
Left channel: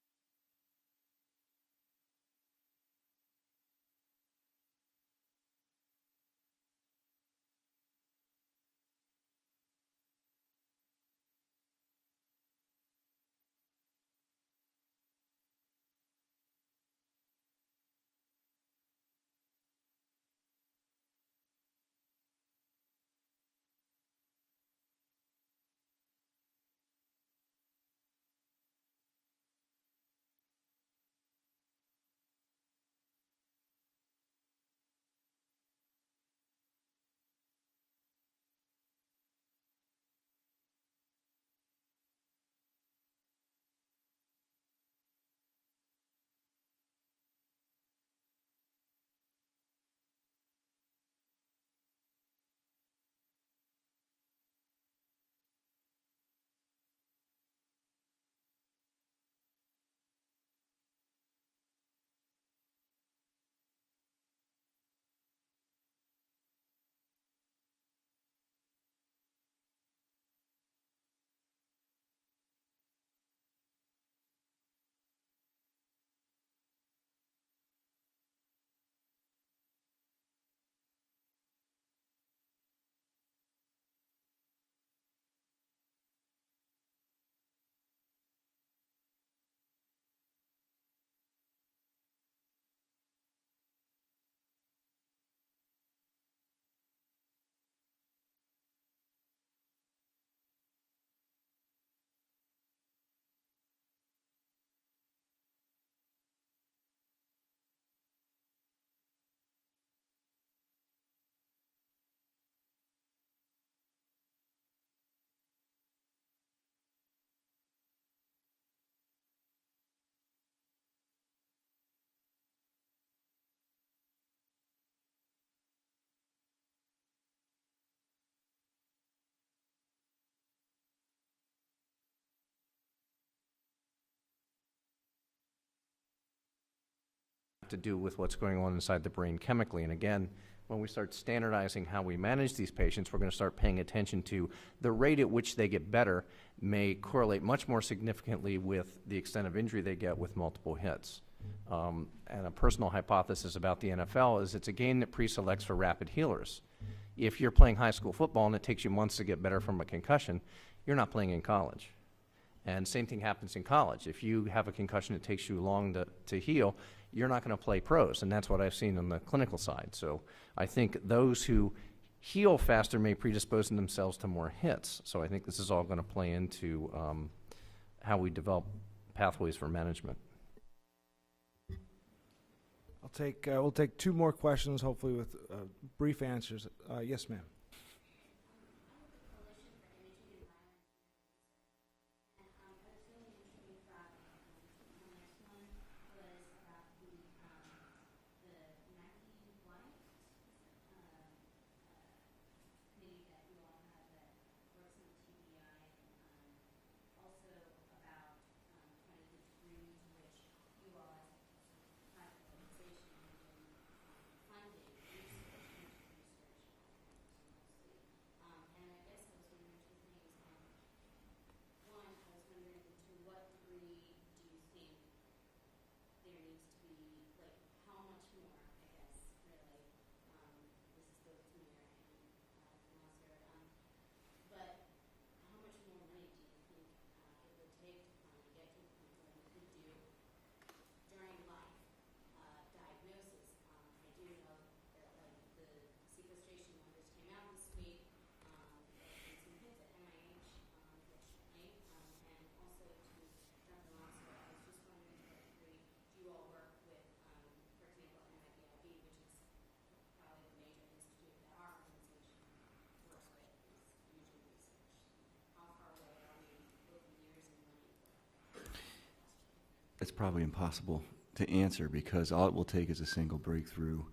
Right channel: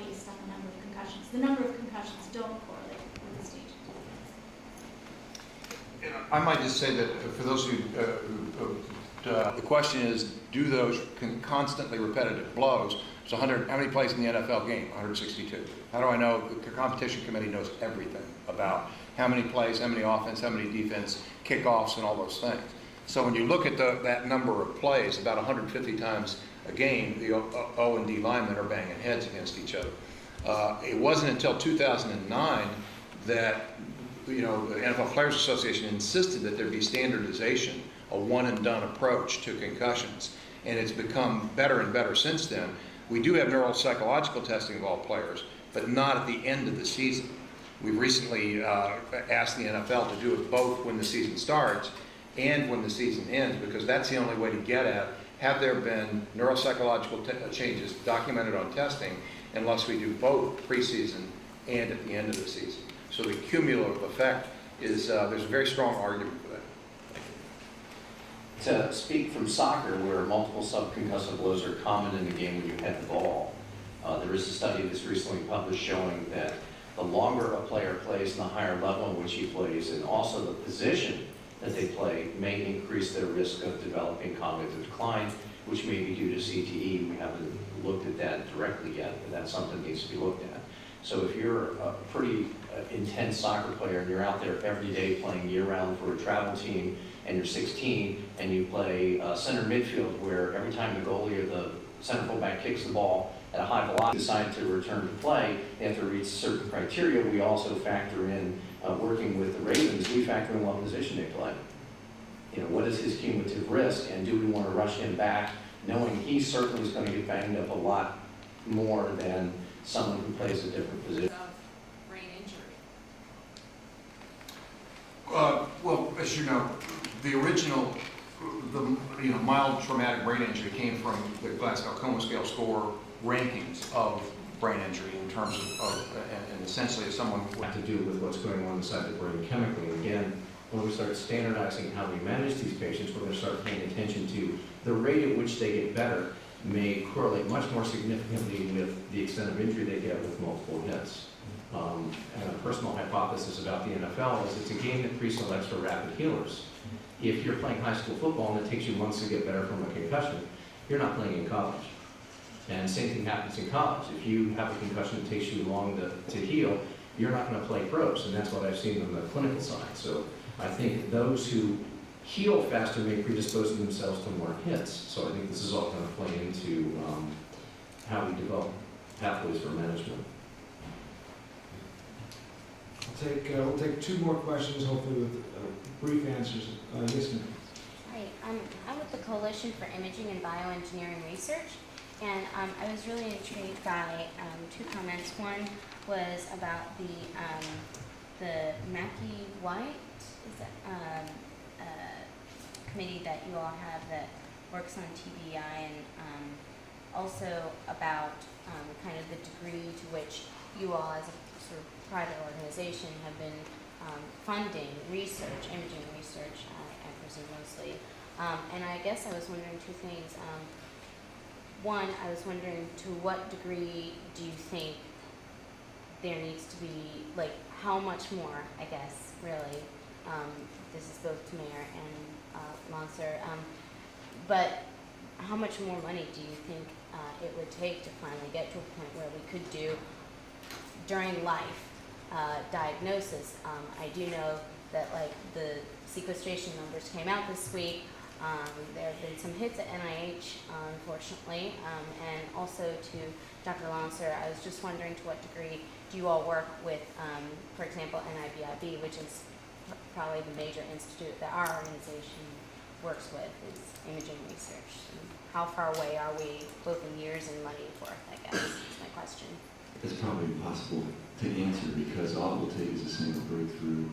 based on the number of concussions. The number of concussions don't correlate with the stage of disease. I might just say that for those who the question is, do those constantly repetitive blows? So how many plays in the NFL game? 162. How do I know? The competition committee knows everything about how many plays, how many offense, how many defense, kickoffs, and all those things. So when you look at that number of plays, about 150 times a game, the O and D linemen are banging heads against each other. It wasn't until 2009 that the NFL Players Association insisted that there be standardization, a one-and-done approach to concussions, and it's become better and better since then. We do have neuropsychological testing of all players. but not at the end of the season. We've recently asked the NFL to do it both when the season starts and when the season ends, because that's the only way to get at, have there been neuropsychological changes documented on testing, unless we do both preseason and at the end of the season. So the cumulative effect is, there's a very strong argument for that. To speak from soccer, where multiple subconcussive blows are common in the game when you head the ball, there is a study that's recently published showing that the longer a player plays and the higher level in which he plays, and also the position that they play, may increase their risk of developing cognitive decline, which may be due to CTE. We haven't looked at that directly yet, but that's something that needs to be looked at. So if you're a pretty intense soccer player and you're out there every day playing year-round for a travel team, and you're 16 and you play center midfield, where every time the goalie or the center fullback kicks the ball at a high velocity, decide to return to play, they have to reach certain criteria. We also factor in, working with the Ravens, we factor in what position they play. You know, what is his cumulative risk, and do we want to rush him back, knowing he certainly is going to get banged up a lot more than someone who plays a different position. Of brain injury. Well, as you know, the original, mild traumatic brain injury came from the Glasgow Coma Scale score rankings of brain injury in terms of and essentially as someone would To do with what's going on inside the brain chemically. And again, when we start standardizing how we manage these patients, we're going to start paying attention to the rate at which they get better may correlate much more significantly with the extent of injury they get with multiple hits. And a personal hypothesis about the NFL is it's a game that pre-selects for rapid healers. If you're playing high school football and it takes you months to get better from a concussion, you're not playing in college. And same thing happens in college. If you have a concussion that takes you long to heal, you're not going to play pros, and that's what I've seen on the clinical side. So I think those who heal faster may predispose themselves to more hits. So I think this is all going to play into how we develop pathways for management. We'll take two more questions, hopefully with brief answers. Yes, ma'am. Hi, I'm with the Coalition for Imaging and Bioengineering Research, and I was really intrigued by two comments. One was about the McKee White committee that you all have that works on TBI, and also about kind of the degree to which you all as a sort of private organization have been funding research, imaging research, I presume mostly. And I guess I was wondering two things. One, I was wondering to what degree do you think there needs to be, like, how much more, I guess, really, this is both to Mayor and Monser, but how much more money do you think it would take to finally get to a point where we could do during life diagnosis? I do know that, like, the sequestration numbers came out this week. There have been some hits at NIH, unfortunately, and also to Dr. Lancer, I was just wondering to what degree do you all work with, for example, NIBIB, which is probably the major institute that our organization works with, is imaging research. And how far away are we, both in years and money worth, I guess, is my question. It's probably impossible to answer, because all it will take is a single breakthrough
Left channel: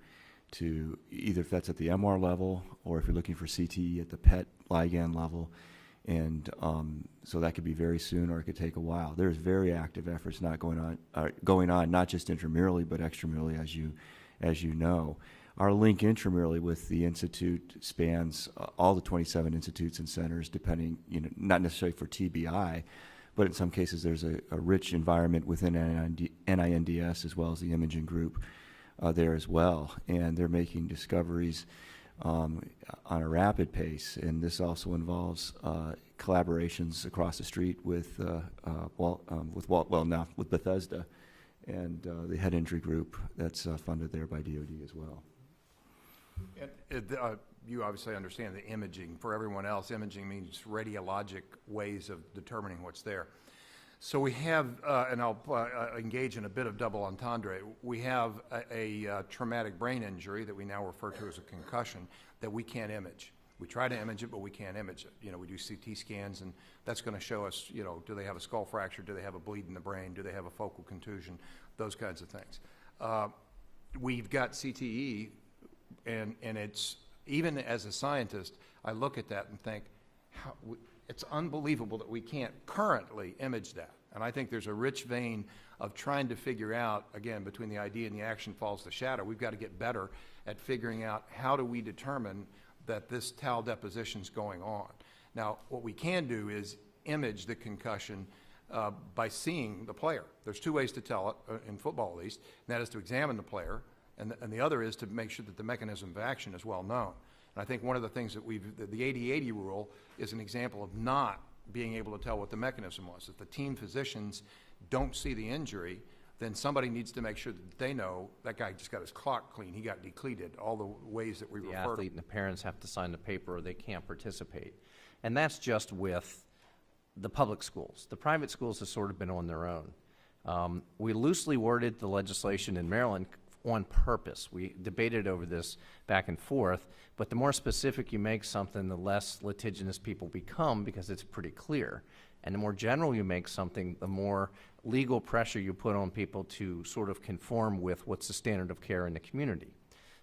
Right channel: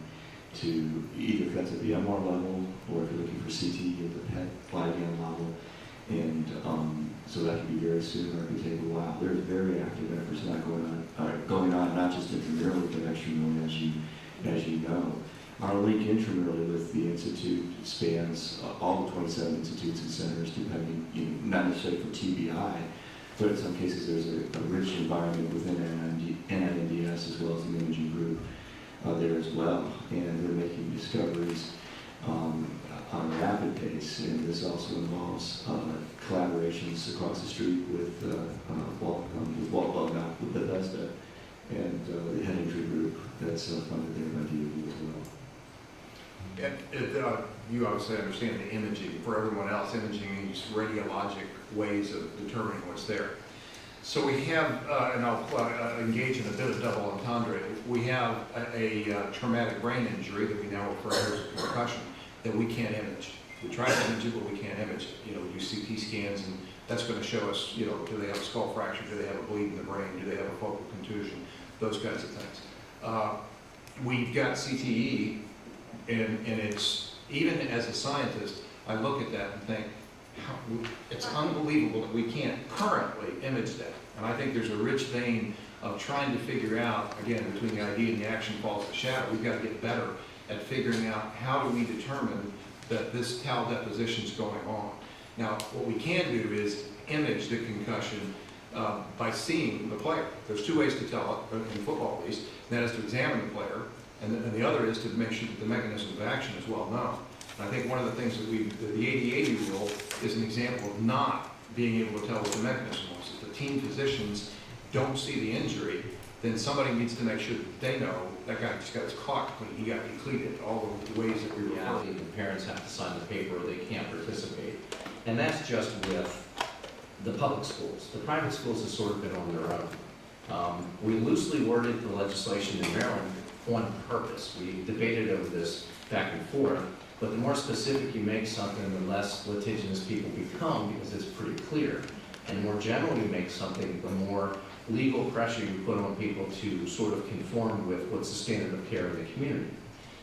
to either if that's at the MR level, or if you're looking for CT at the PET ligand level, and so that could be very soon, or it could take a while. There's very active efforts not going on, not just intramurally but extramurally, as you know. Our link intramurally with the institute spans all the 27 institutes and centers, depending, not necessarily for TBI, but in some cases there's a rich environment within NINDS as well as the imaging group there as well, and they're making discoveries on a rapid pace, and this also involves collaborations across the street with Bethesda and the head injury group that's funded there by DOE as well. And you obviously understand the imaging. For everyone else, imaging means radiologic ways of determining what's there. So we have, and I'll engage in a bit of double entendre, we have a traumatic brain injury that we now refer to as a concussion that we can't image. We try to image it, but we can't image it. We do CT scans and That's going to show us, you know, do they have a skull fracture, do they have a bleed in the brain, do they have a focal contusion, those kinds of things. We've got CTE, and it's, even as a scientist, I look at that and think, it's unbelievable that we can't currently image that. And I think there's a rich vein of trying to figure out, again, between the idea and the action falls the shadow. We've got to get better at figuring out how do we determine that this tau deposition is going on. Now, what we can do is image the concussion by seeing the player. There's two ways to tell it, in football at least, and that is to examine the player, and the other is to make sure that the mechanism of action is well known. I think one of the things that the 80-80 rule is an example of not being able to tell what the mechanism was. If the team physicians don't see the injury, then somebody needs to make sure that they know that guy just got his clock clean, he got depleted, all the ways that we Yeah, refer. the parents have to sign the paper, they can't participate. And that's just with the public schools. The private schools have sort of been on their own. We loosely worded the legislation in Maryland on purpose. We debated over this back and forth, but the more specific you make something, the less litigious people become because it's pretty clear. And the more general you make something, the more legal pressure you put on people to sort of conform with what's the standard of care in the community.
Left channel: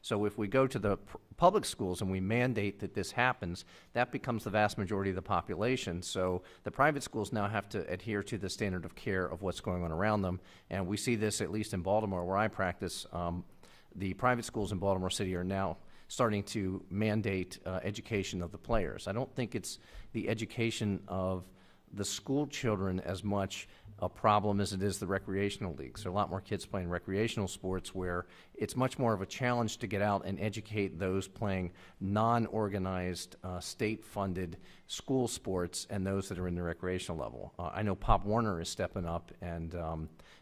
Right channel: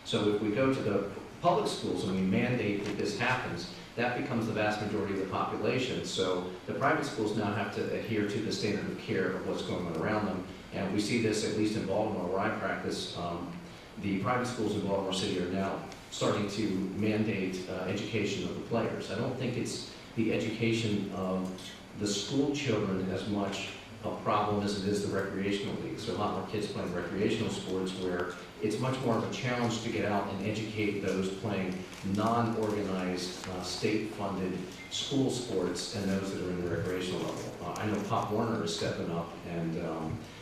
So if we go to the public schools and we mandate that this happens, that becomes the vast majority of the population. So the private schools now have to adhere to the standard of care of what's going on around them. And we see this at least in Baltimore where I practice. The private schools in Baltimore City are now starting to mandate education of the players. I don't think it's the education of the school children as much a problem as it is the recreational leagues. There are a lot more kids playing recreational sports where it's much more of a challenge to get out and educate those playing non-organized, state-funded school sports and those that are in the recreational level. I know Pop Warner is stepping up and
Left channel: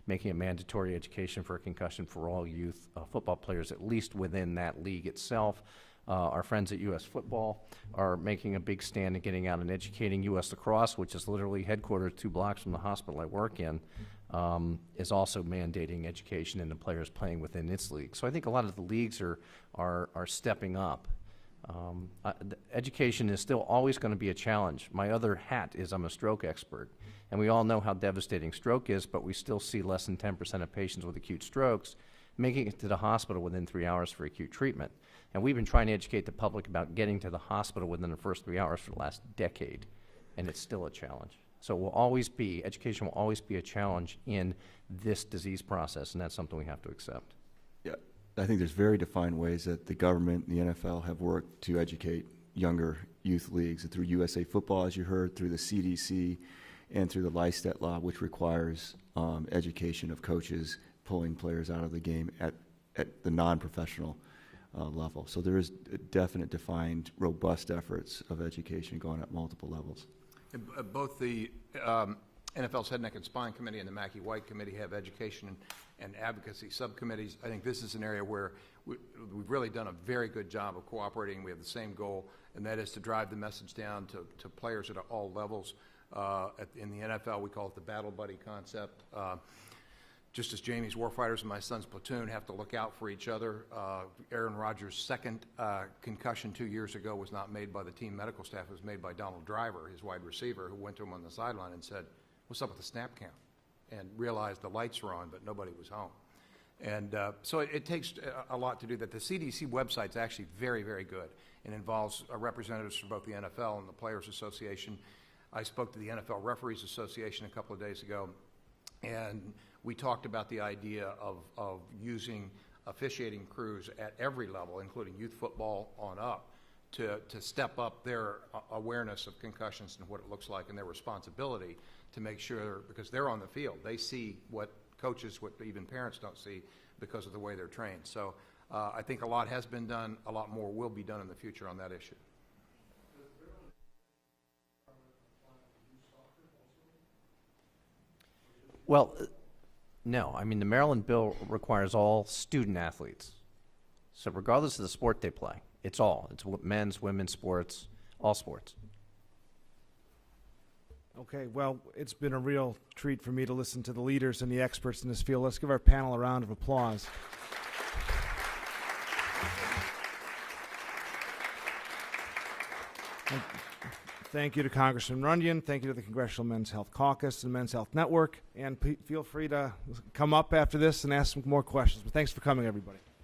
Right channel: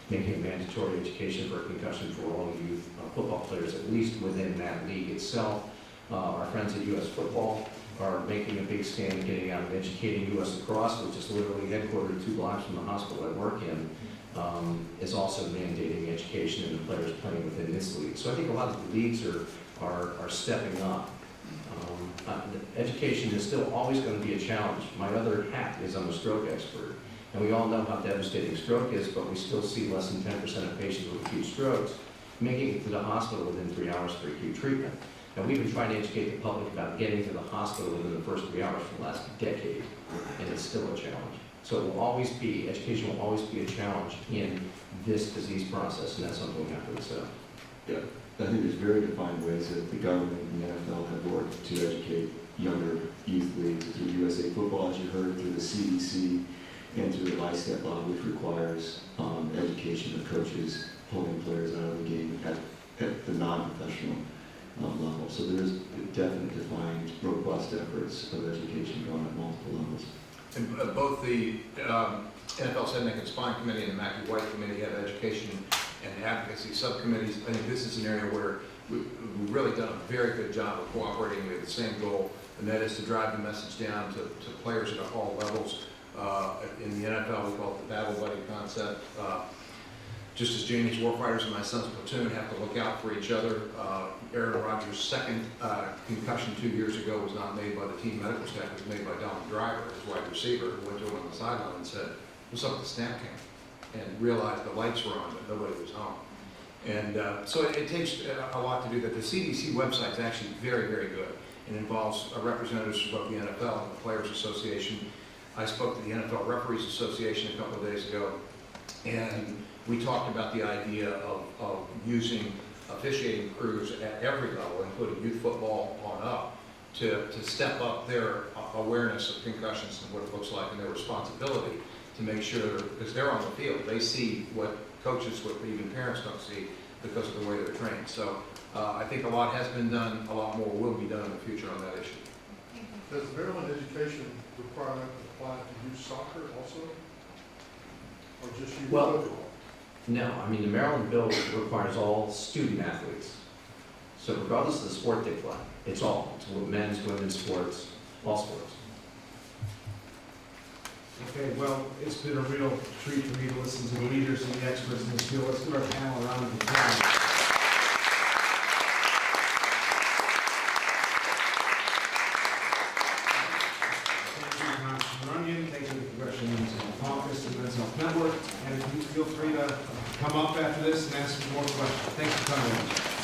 making a mandatory education for concussion for all youth football players, at least within that league itself. Our friends at U.S. Football are making a big stand in getting out and educating. U.S. Lacrosse, which is literally headquartered 2 blocks from the hospital I work in, is also mandating education in the players playing within its league. So I think a lot of the leagues are stepping up. Education is still always going to be a challenge. My other hat is I'm a stroke expert, and we all know how devastating stroke is, but we still see less than 10% of patients with acute strokes making it to the hospital within 3 hours for acute treatment. And we've been trying to educate the public about getting to the hospital within the first 3 hours for the last decade, and it's still a challenge. So it will always be, education will always be a challenge in this disease process, and that's something we have to accept. Yeah, I think there's very defined ways that the government and the NFL have worked to educate younger youth leagues, through USA Football, as you heard, through the CDC, and through the LISTET law, which requires education of coaches pulling players out of the game at the non-professional level. So there is definite defined, robust efforts of education going at multiple levels. And both the NFL Senate Neck and Spine Committee and the McKee White Committee have education and advocacy subcommittees. I think this is an area where we've really done a very good job of cooperating. We have the same goal, and that is to drive the message down to players at all levels. In the NFL, we call it the battle buddy concept. Just as Jamie's warfighters and my son's platoon have to look out for each other. Aaron Rodgers' second concussion 2 years ago was not made by the team medical staff, it was made by Donald Driver, his wide receiver, who went to him on the sideline and said, "What's up with the snap cam?" And realized the lights were on, but nobody was home. And so it takes a lot to do that. The CDC website is actually very, very good. It involves representatives from both the NFL and the Players Association. I spoke to the NFL Referees Association a couple of days ago, and we talked about the idea of using officiating crews at every level, including youth football on up, to step up their awareness of concussions and what it looks like and their responsibility to make sure, because they're on the field, they see what coaches, what even parents don't see because of the way they're trained. So I think a lot has been done, a lot more will be done in the future on that issue. Does Maryland education requirement apply to youth soccer also? Or just youth Well, football? No, I mean, the Maryland bill requires all student athletes. So regardless of the sport they play, it's all. It's men's, women's sports, all sports. Okay, well, it's been a real treat for me to listen to the leaders and the experts in this field. Let's give our panel a round of applause. Thank you to Congressman Runyan. Thank you to the Congressional Men's Health Caucus and Men's Health Network. And please feel free to come up after this and ask some more questions. Thanks for coming in.